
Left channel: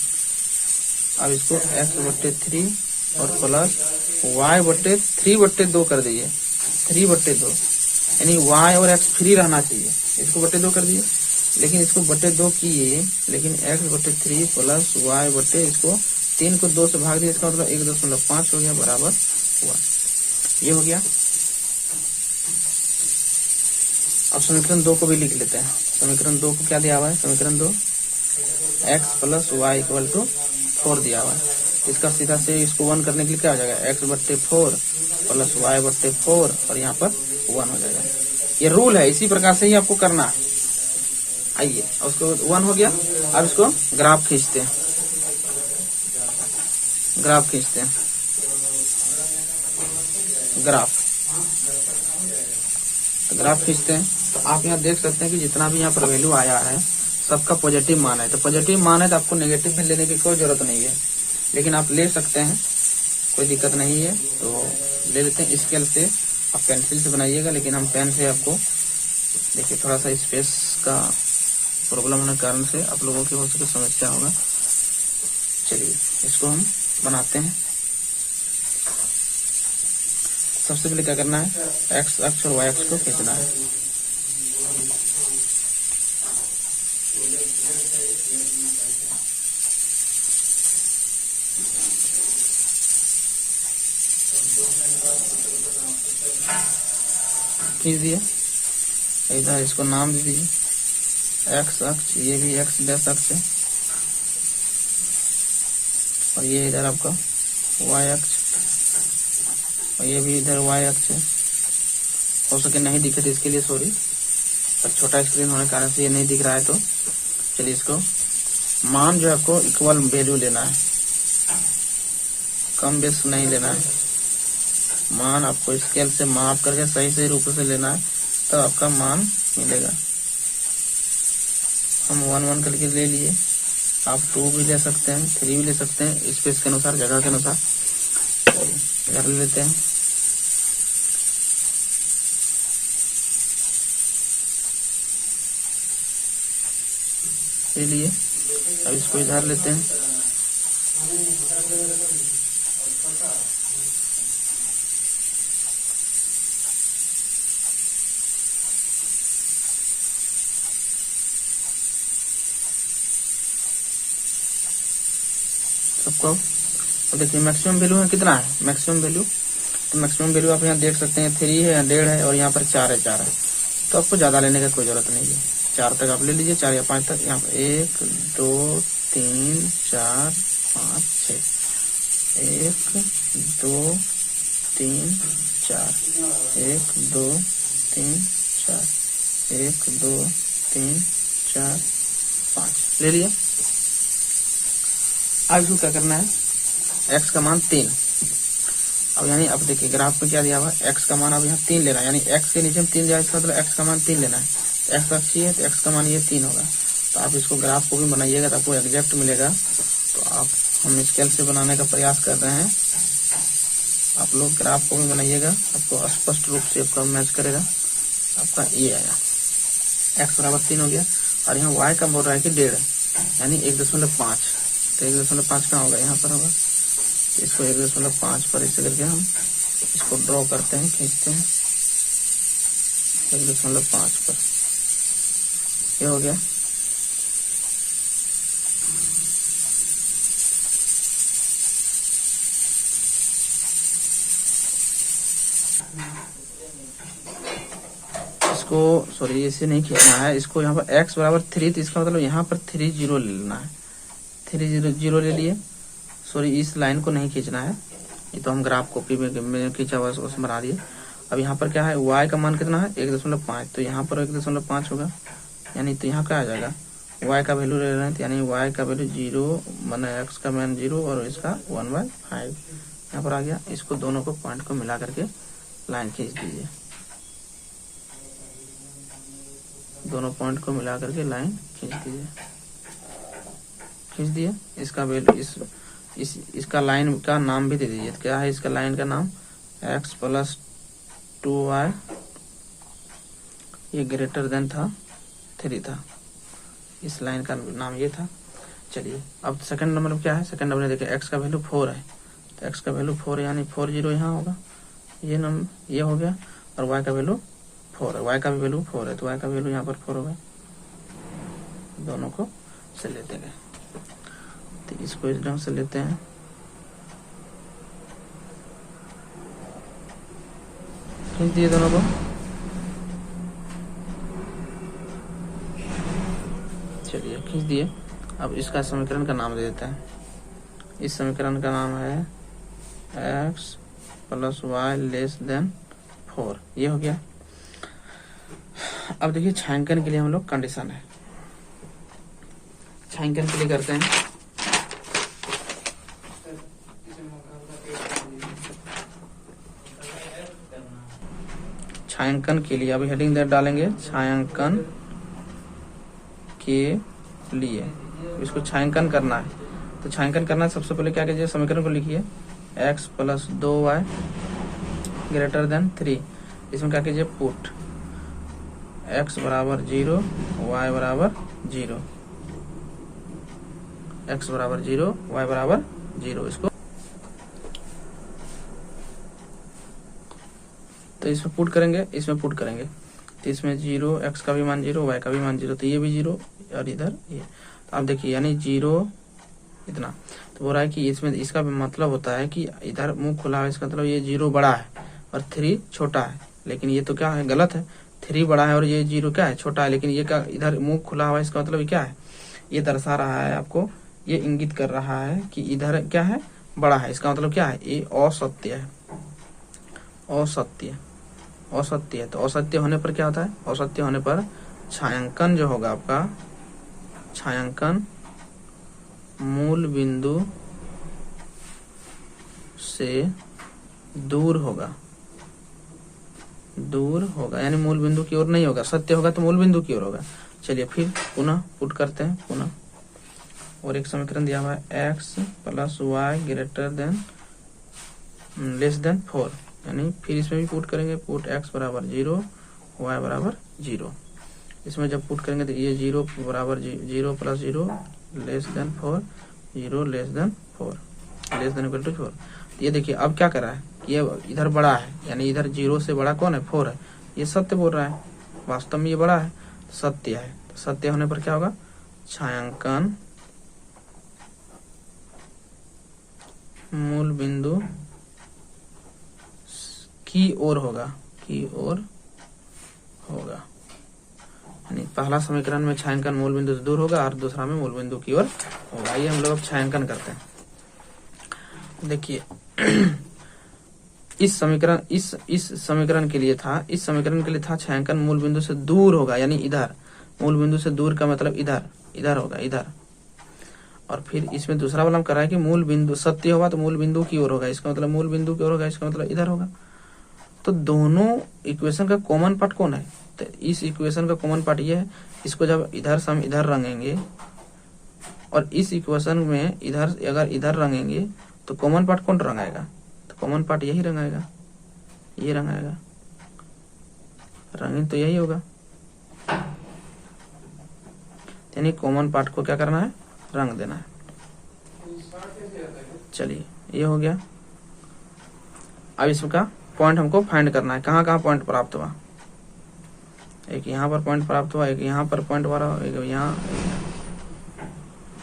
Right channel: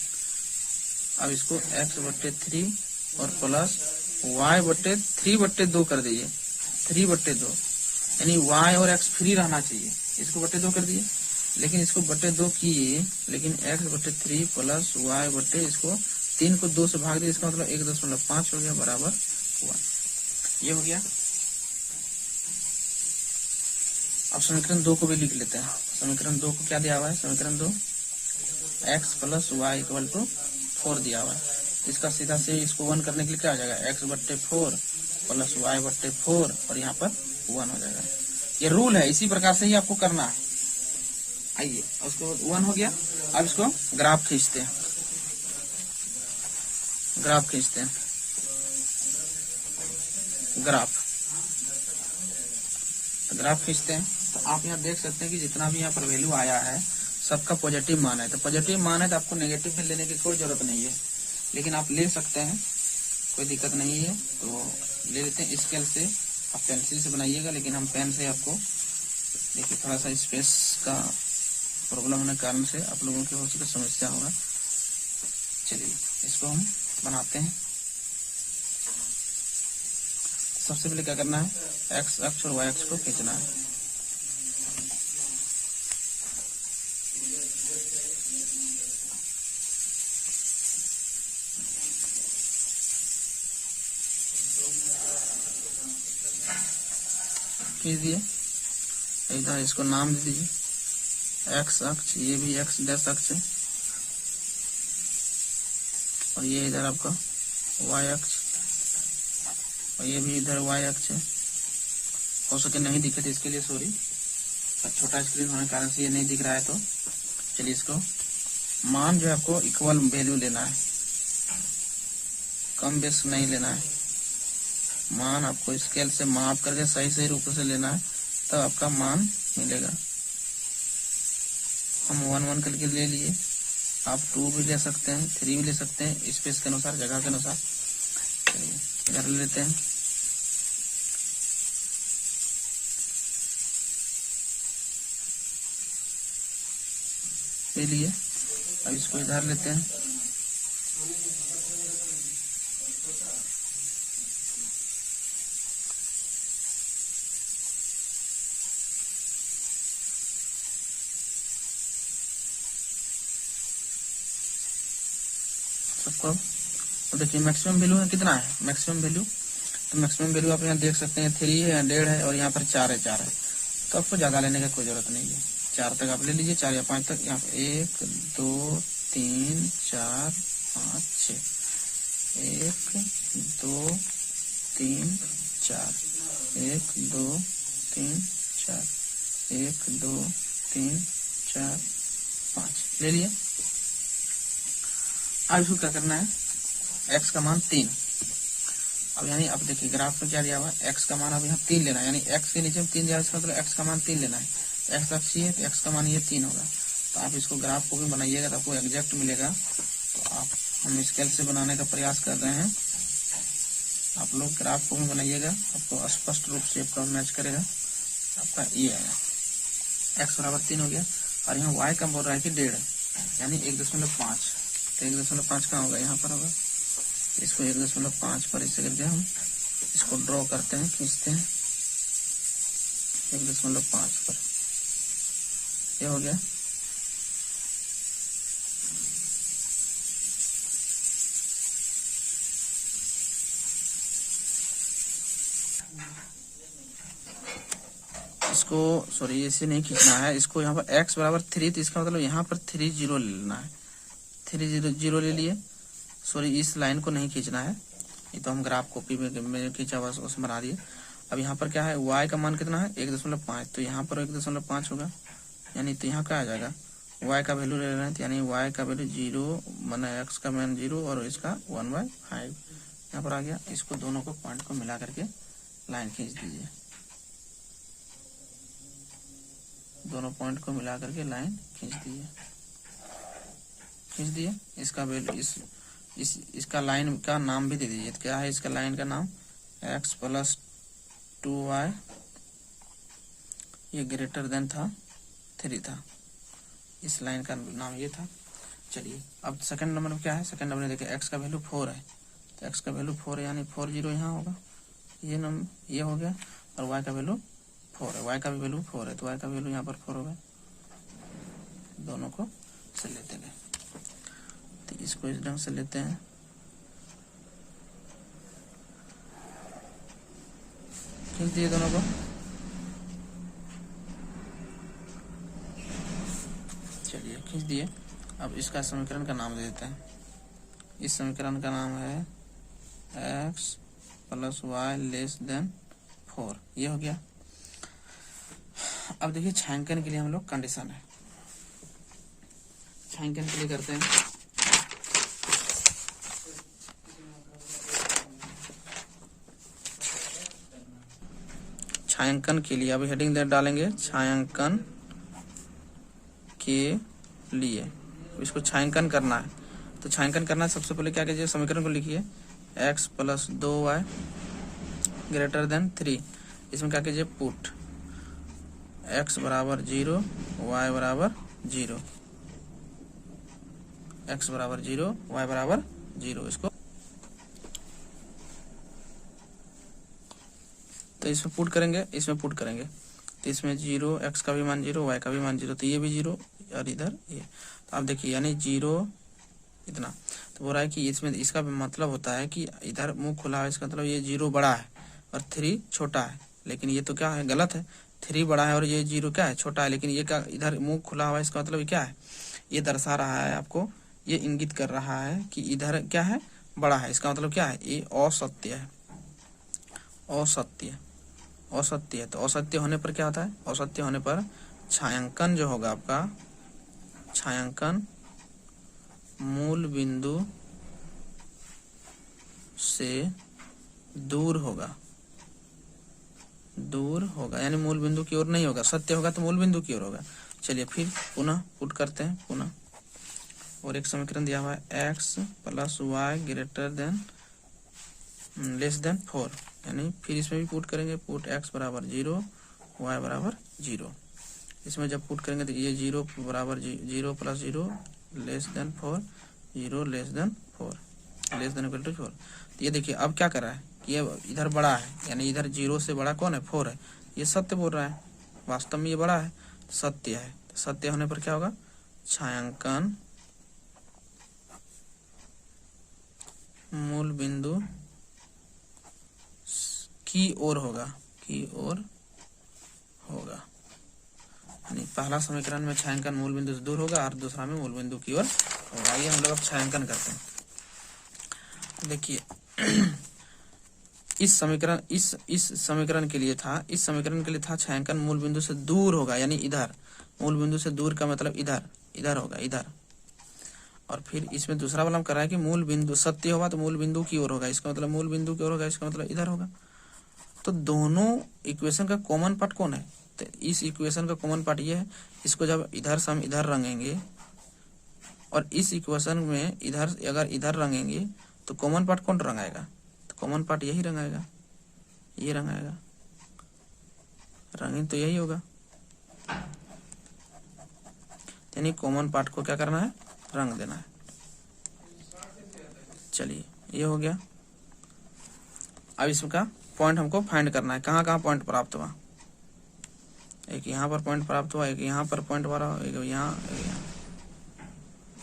अब इसको x बट्टे 3 और प्लस y बट्टे 3 बट्टे 2 कर दीजिए। 3 बट्टे 2 यानी y और x फ्री रहना चाहिए। इसको बट्टे 2 कर दीजिए, लेकिन इसको बट्टे 2 किए, लेकिन x बट्टे 3 प्लस y बट्टे इसको 3 को 2 से भाग दिया, इसका मतलब 1.5 हो गया बराबर 1। ये हो गया। अब समीकरण 2 को भी लिख लेते हैं। समीकरण 2 को क्या दिया हुआ है, समीकरण 2 x plus y equal to 4 दिया हुआ है। इसका सीधा से इसको 1 करने के लिए क्या हो जाएगा, x बट्टे 4 प्लस वाई बट्टे 4 और यहाँ पर 1 हो जाएगा। ये रूल है, इसी प्रकार से ही आपको करना है। आइए, उसको 1 हो गया। अब इसको ग्राफ खींचते हैं, ग्राफ खींचते हैं, ग्राफ खींचते हैं। तो आप यहाँ देख सकते हैं कि जितना भी यहाँ पर वैल्यू आया है सबका पॉजिटिव मान है। तो पॉजिटिव मान है तो आपको नेगेटिव में लेने की कोई जरूरत नहीं है, लेकिन आप ले सकते हैं, कोई दिक्कत नहीं है। तो ले लेते हैं स्केल से। आप पेंसिल से बनाइएगा, लेकिन हम पेन से आपको देखिए थोड़ा सा स्पेस का प्रॉब्लम होने के कारण से आप लोगों की हो सके समस्या होगा। चलिए इसको हम बनाते हैं। सबसे पहले क्या करना है, x अक्ष और y अक्ष को खींचना है। खींच दिया। इधर इसको नाम दे दीजिए x अक्ष, ये भी x डैश अक्ष है, और ये इधर आपका y अक्ष, और ये भी इधर y अक्ष है। हो सके नहीं दिखे तो इसके लिए सॉरी, पर छोटा स्क्रीन होने के कारण से ये नहीं दिख रहा है। तो चलिए इसको मान जो आपको इक्वल वैल्यू लेना है, कम बेस नहीं लेना है। मान आपको स्केल से माप करके सही सही रूप से लेना है, तो आपका मान मिलेगा। हम 1 करके ले लिए, आप 2 भी ले सकते हैं, 3 भी ले सकते हैं, स्पेस के अनुसार, जगह के अनुसार। कर लेते हैं। ले लिए। अब इसको इधर लेते हैं। सबको देखिए मैक्सिमम वैल्यू है कितना है, मैक्सिमम वैल्यू, तो मैक्सिमम वैल्यू आप यहाँ देख सकते हैं 3 है, 1.5 है, और यहाँ पर 4 है, 4 है। तो आपको ज्यादा लेने का कोई जरूरत नहीं है, 4 तक आप ले लीजिए, 4 या 5 तक। यहाँ पर 1 2 3 4 5 6, 1 2 3 4, 1 2 3 4, 1 2 3 4 5 ले लिया। अब इसको क्या करना है, x का मान 3। अब यानी अब देखिए ग्राफ में क्या दिया हुआ है, x का मान अब यहाँ 3 लेना है, यानी x के नीचे में 3 जाए, इसका मतलब x का मान 3 लेना है। x अक्ष है तो x का मान ये 3 होगा। तो आप इसको ग्राफ को भी बनाइएगा तो आपको एग्जैक्ट मिलेगा। तो आप हम स्केल से बनाने का प्रयास कर रहे हैं, आप लोग ग्राफ को भी बनाइएगा, आपको स्पष्ट रूप से आपका मैच करेगा। आपका ये आया x बराबर 3 हो गया, और यहाँ y का बोल रहा है कि 1.5 यानी 1.5। तो 1.5 कहाँ होगा, यहाँ पर होगा। इसको 1.5 पर इसे करके हम इसको ड्रॉ करते हैं, खींचते हैं 1.5 पर। ये हो गया। इसको सॉरी इसे नहीं खींचना है, इसको यहाँ पर x बराबर 3, तो इसका मतलब यहाँ पर 3 0 ले लेना है। 3 0 ले लिए। सॉरी इस लाइन को नहीं खींचना है, ये तो हम ग्राफ कॉपी में खींचा हुआ उसमें बना दिए। अब यहाँ पर क्या है, y का मान कितना है 1.5, तो यहाँ पर 1.5 होगा, यानी तो यहाँ क्या आ जाएगा, y का वैल्यू ले रहे हैं, तो यानी y का वैल्यू 0 माना x का मान 0 और इसका 1/5 यहाँ पर आ गया। इसको दोनों को पॉइंट को मिला करके लाइन खींच दीजिए, दोनों पॉइंट को मिला करके लाइन खींच दीजिए। खींच दिए। इसका वैल्यू इसका लाइन का नाम भी दे दीजिए। क्या है इसका लाइन का नाम? x प्लस 2y, ये ग्रेटर देन था 3 था, इस लाइन का नाम ये था। चलिए अब सेकंड नंबर में क्या है? सेकंड नंबर में देखिए x का वैल्यू 4 है, तो x का वैल्यू 4 यानी 40 यहाँ होगा, ये नंबर ये हो गया। और y का वैल्यू 4 है, y का भी वैल्यू 4 है, तो y का वैल्यू यहाँ पर 4 होगा। दोनों को से लेते गए, तो इसको इस ढंग से लेते हैं। खींच दिए दोनों को। चलिए खींच दिए। अब इसका समीकरण का नाम दे देते हैं। इस समीकरण का नाम है x plus y less than 4, ये हो गया। अब देखिए छायांकन के लिए हम लोग कंडीशन है, छायांकन के लिए करते हैं। छायांकन के लिए अभी हेडिंग डालेंगे, छायांकन के लिए इसको छायांकन करना है। तो छायांकन करना है, सबसे पहले क्या कीजिए, समीकरण को लिखिए x plus 2y greater than 3। इसमें क्या कीजिए, पुट x बराबर 0, y बराबर 0, x बराबर 0, y बराबर 0। इसको तो इसमें पुट करेंगे, इसमें पुट करेंगे, तो इसमें 0, x का भी मान 0, y का भी मान 0, तो ये भी 0 और इधर ये। तो आप देखिए यानी 0 इतना, तो बोल रहा है कि इसमें इसका मतलब होता है कि इधर मुंह खुला है, इसका मतलब ये 0 बड़ा है और 3 छोटा है। लेकिन ये तो क्या है, गलत है, 3 बड़ा है और ये 0 क्या है, छोटा है। लेकिन ये क्या, इधर मुंह खुला हुआ है, इसका मतलब क्या है, ये दर्शा रहा है आपको, ये इंगित कर रहा है कि इधर क्या है, बड़ा है। इसका मतलब क्या है, ये असत्य है, असत्य, असत्य है। तो असत्य होने पर क्या होता है, असत्य होने पर छायांकन जो होगा आपका, छायांकन मूल बिंदु से दूर होगा, दूर होगा यानी मूल बिंदु की ओर नहीं होगा। सत्य होगा तो मूल बिंदु की ओर होगा। चलिए फिर पुनः पुट करते हैं पुनः, और एक समीकरण दिया हुआ है x plus y greater than less than 4, यानी फिर इसमें भी पुट करेंगे, पुट x बराबर 0, y बराबर 0। इसमें जब पुट करेंगे तो ये 0 बराबर 0 plus 0 less than 4, 0 less than 4, less than equal to 4। ये देखिए अब क्या कर रहा है, ये इधर बड़ा है, यानी इधर 0 से बड़ा कौन है, 4 है। ये सत्य बोल रहा है, वास्तव में ये बड़ा है, सत्य है। तो सत्य होने पर क्या होगा, छायांकन मूल बिंदु की ओर होगा, की ओर होगा। यानी पहला समीकरण में छायांकन मूल बिंदु से दूर होगा और दूसरा में मूल बिंदु की ओर होगा। आइए हम लोग अब छायांकन करते हैं। देखिए इस समीकरण के लिए था, इस समीकरण के लिए था छायांकन मूल बिंदु से दूर होगा, यानी इधर, मूल बिंदु से दूर का मतलब इधर, इधर होगा, इधर। और फिर इसमें दूसरा वाला हम कर रहा है कि मूल बिंदु सत्य होगा तो मूल बिंदु की ओर होगा, इसका मतलब मूल बिंदु की ओर होगा, इसका मतलब इधर होगा। तो दोनों इक्वेशन का कॉमन पार्ट कौन है, तो इस इक्वेशन का कॉमन पार्ट ये है। इसको जब इधर से हम इधर रंगेंगे और इस इक्वेशन में इधर अगर इधर रंगेंगे तो कॉमन पार्ट कौन रंगाएगा, तो कॉमन पार्ट यही रंगाएगा, ये रंगाएगा, रंगीन तो यही होगा। यानी कॉमन पार्ट को क्या करना है, रंग देना है। चलिए ये हो गया। अब इसका पॉइंट हमको फाइंड करना है, कहाँ कहाँ पॉइंट प्राप्त हुआ। एक यहाँ पर पॉइंट प्राप्त हुआ, एक यहाँ पर पॉइंट हुआ, एक यहाँ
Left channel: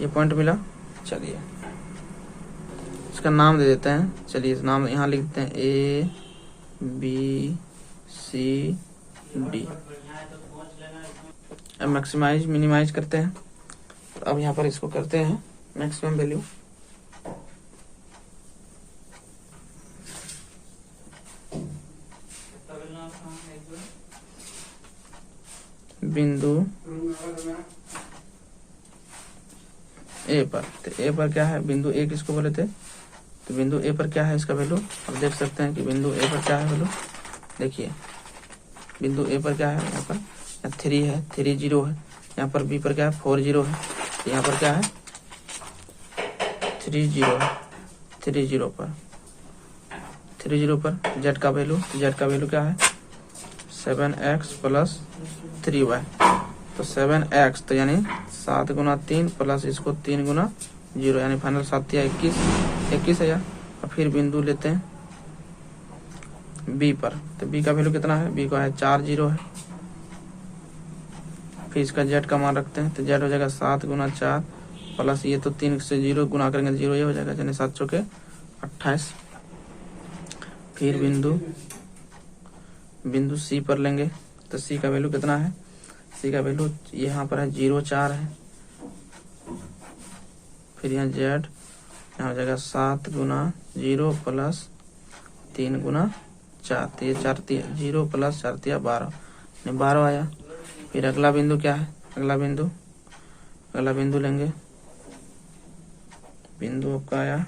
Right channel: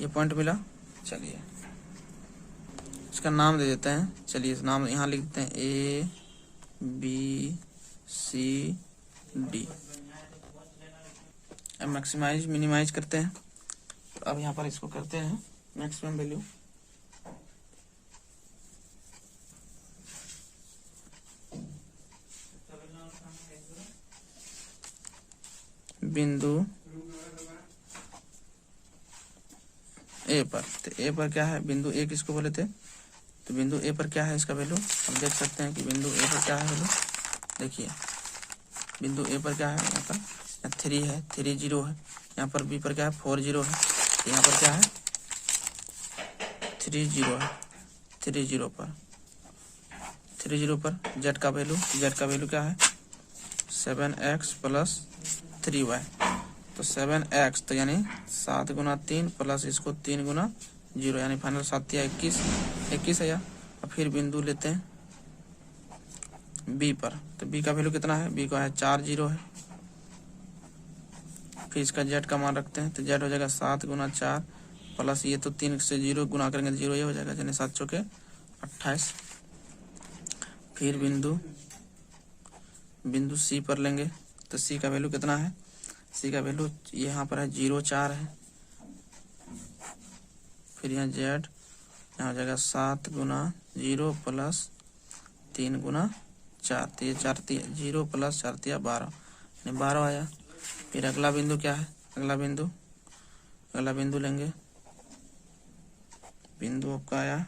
ये पॉइंट मिला। चलिए इसका नाम दे देते हैं। चलिए इस नाम यहाँ लिख देते हैं A B C D। अब मैक्सिमाइज मिनिमाइज करते हैं। तो अब यहाँ पर इसको करते हैं मैक्सिमम वैल्यू। बिंदु ए पर, तो ए पर क्या है, बिंदु ए किसको बोले थे, तो बिंदु ए पर क्या है इसका वैल्यू, अब देख सकते हैं कि बिंदु ए पर क्या है वैल्यू। देखिए बिंदु ए पर क्या है, यहाँ पर 3 है, 3 0 है। यहाँ पर बी पर क्या है, 4 0 है। यहाँ पर क्या है 30 पर जेड का वैल्यू क्या है 7x प्लस 3y। तो 7x तो यानी 7 गुना 3 प्लस इसको 3 गुना 0 यानी फाइनल 7 या 21 है। और फिर बिंदु लेते हैं बी पर। तो बी का वैल्यू कितना है, बी का है 4 0 है। फिर इसका जेड का मान रखते हैं। तो जेड हो जाएगा 7 गुना 4 प्लस ये तो 3 से 0 गुना करेंगे तो 0 ये हो जाएगा, यानी 7 चौके 28। फिर बिंदु सी पर लेंगे। तो सी का वैल्यू कितना है, सी का वैल्यू यहाँ पर है 0 4 है। फिर यहाँ जेड यहाँ हो जाएगा 7 गुना 0 प्लस 3 गुना 4। तो ये 4 0 प्लस 4 12 12 आया। फिर अगला बिंदु क्या है, अगला बिंदु लेंगे। बिंदु आपका आया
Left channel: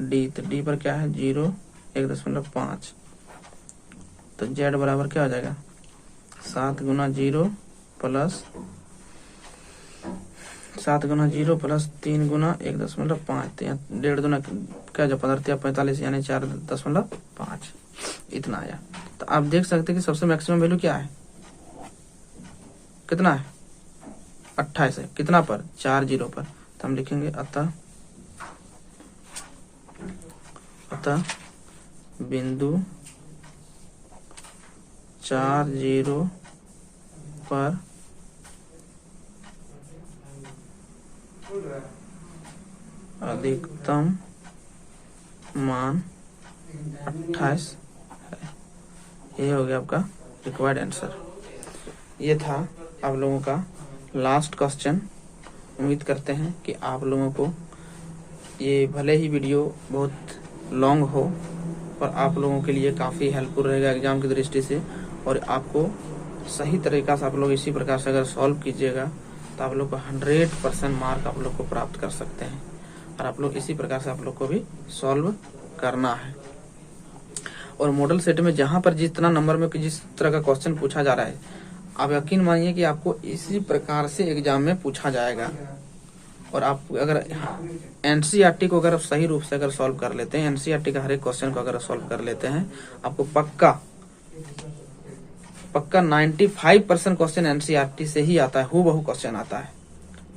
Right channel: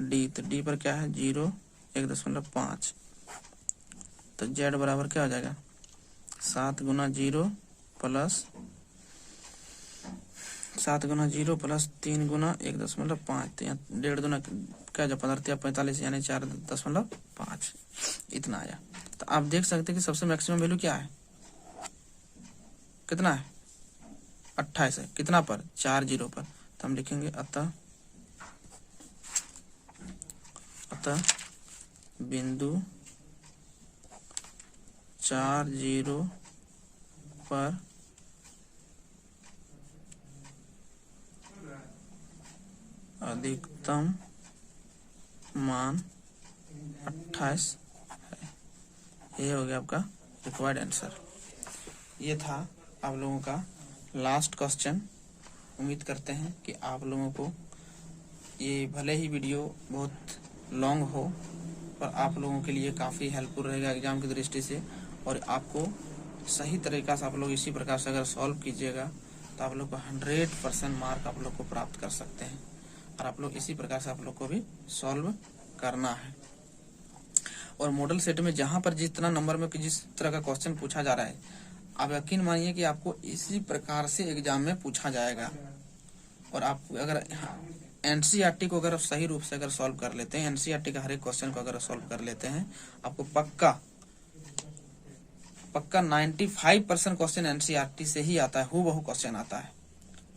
डी। तो डी पर क्या है 0 1.5। तो जेड बराबर क्या हो जाएगा 7 गुना 0 प्लस 3 गुना 1.5। तो यहाँ 1.5 दुना क्या जो 45 यानी 4.5 इतना आया। तो आप देख सकते हैं कि सबसे मैक्सिमम वैल्यू क्या है, कितना है 28 है। कितना पर 4 0 पर। तो हम लिखेंगे अतः बिंदु 4 0 पर अधिकतम मान 28 है। ये हो गया आपका रिक्वायर्ड आंसर। ये था आप लोगों का लास्ट क्वेश्चन। उम्मीद करते हैं कि आप लोगों को ये भले ही वीडियो बहुत लॉन्ग हो पर आप लोगों के लिए काफ़ी हेल्पफुल रहेगा एग्जाम की दृष्टि से। और आपको सही तरीका से आप लोग इसी प्रकार से अगर सॉल्व कीजिएगा तो आप लोग को 100% मार्क आप लोग को प्राप्त कर सकते हैं। और आप लोग इसी प्रकार से आप लोग को भी सॉल्व करना है। और मॉडल सेट में जहां पर जितना नंबर में जिस तरह का क्वेश्चन पूछा जा रहा है, आप यकीन मानिए कि आपको इसी प्रकार से एग्जाम में पूछा जाएगा। और आप अगर एनसीईआरटी को अगर सही रूप से अगर सॉल्व कर लेते हैं, एनसीईआरटी का हर एक क्वेश्चन को अगर सॉल्व कर लेते हैं, आपको पक्का 95% क्वेश्चन एनसीईआरटी से ही आता है, हूबहू क्वेश्चन आता है।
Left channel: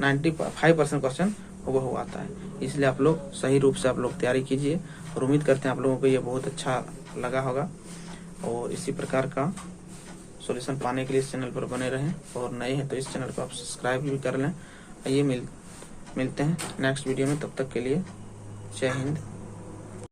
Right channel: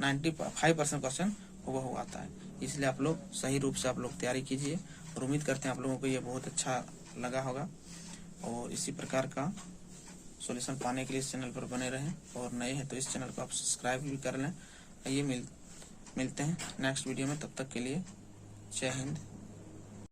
95% क्वेश्चन हूबहू आता है। इसलिए आप लोग सही रूप से आप लोग तैयारी कीजिए। और उम्मीद करते हैं आप लोगों को ये बहुत अच्छा लगा होगा। और इसी प्रकार का सॉल्यूशन पाने के लिए इस चैनल पर बने रहें। और नए हैं तो इस चैनल को आप सब्सक्राइब भी कर लें। आइए मिलते हैं नेक्स्ट वीडियो में। तब तक के लिए जय हिंद।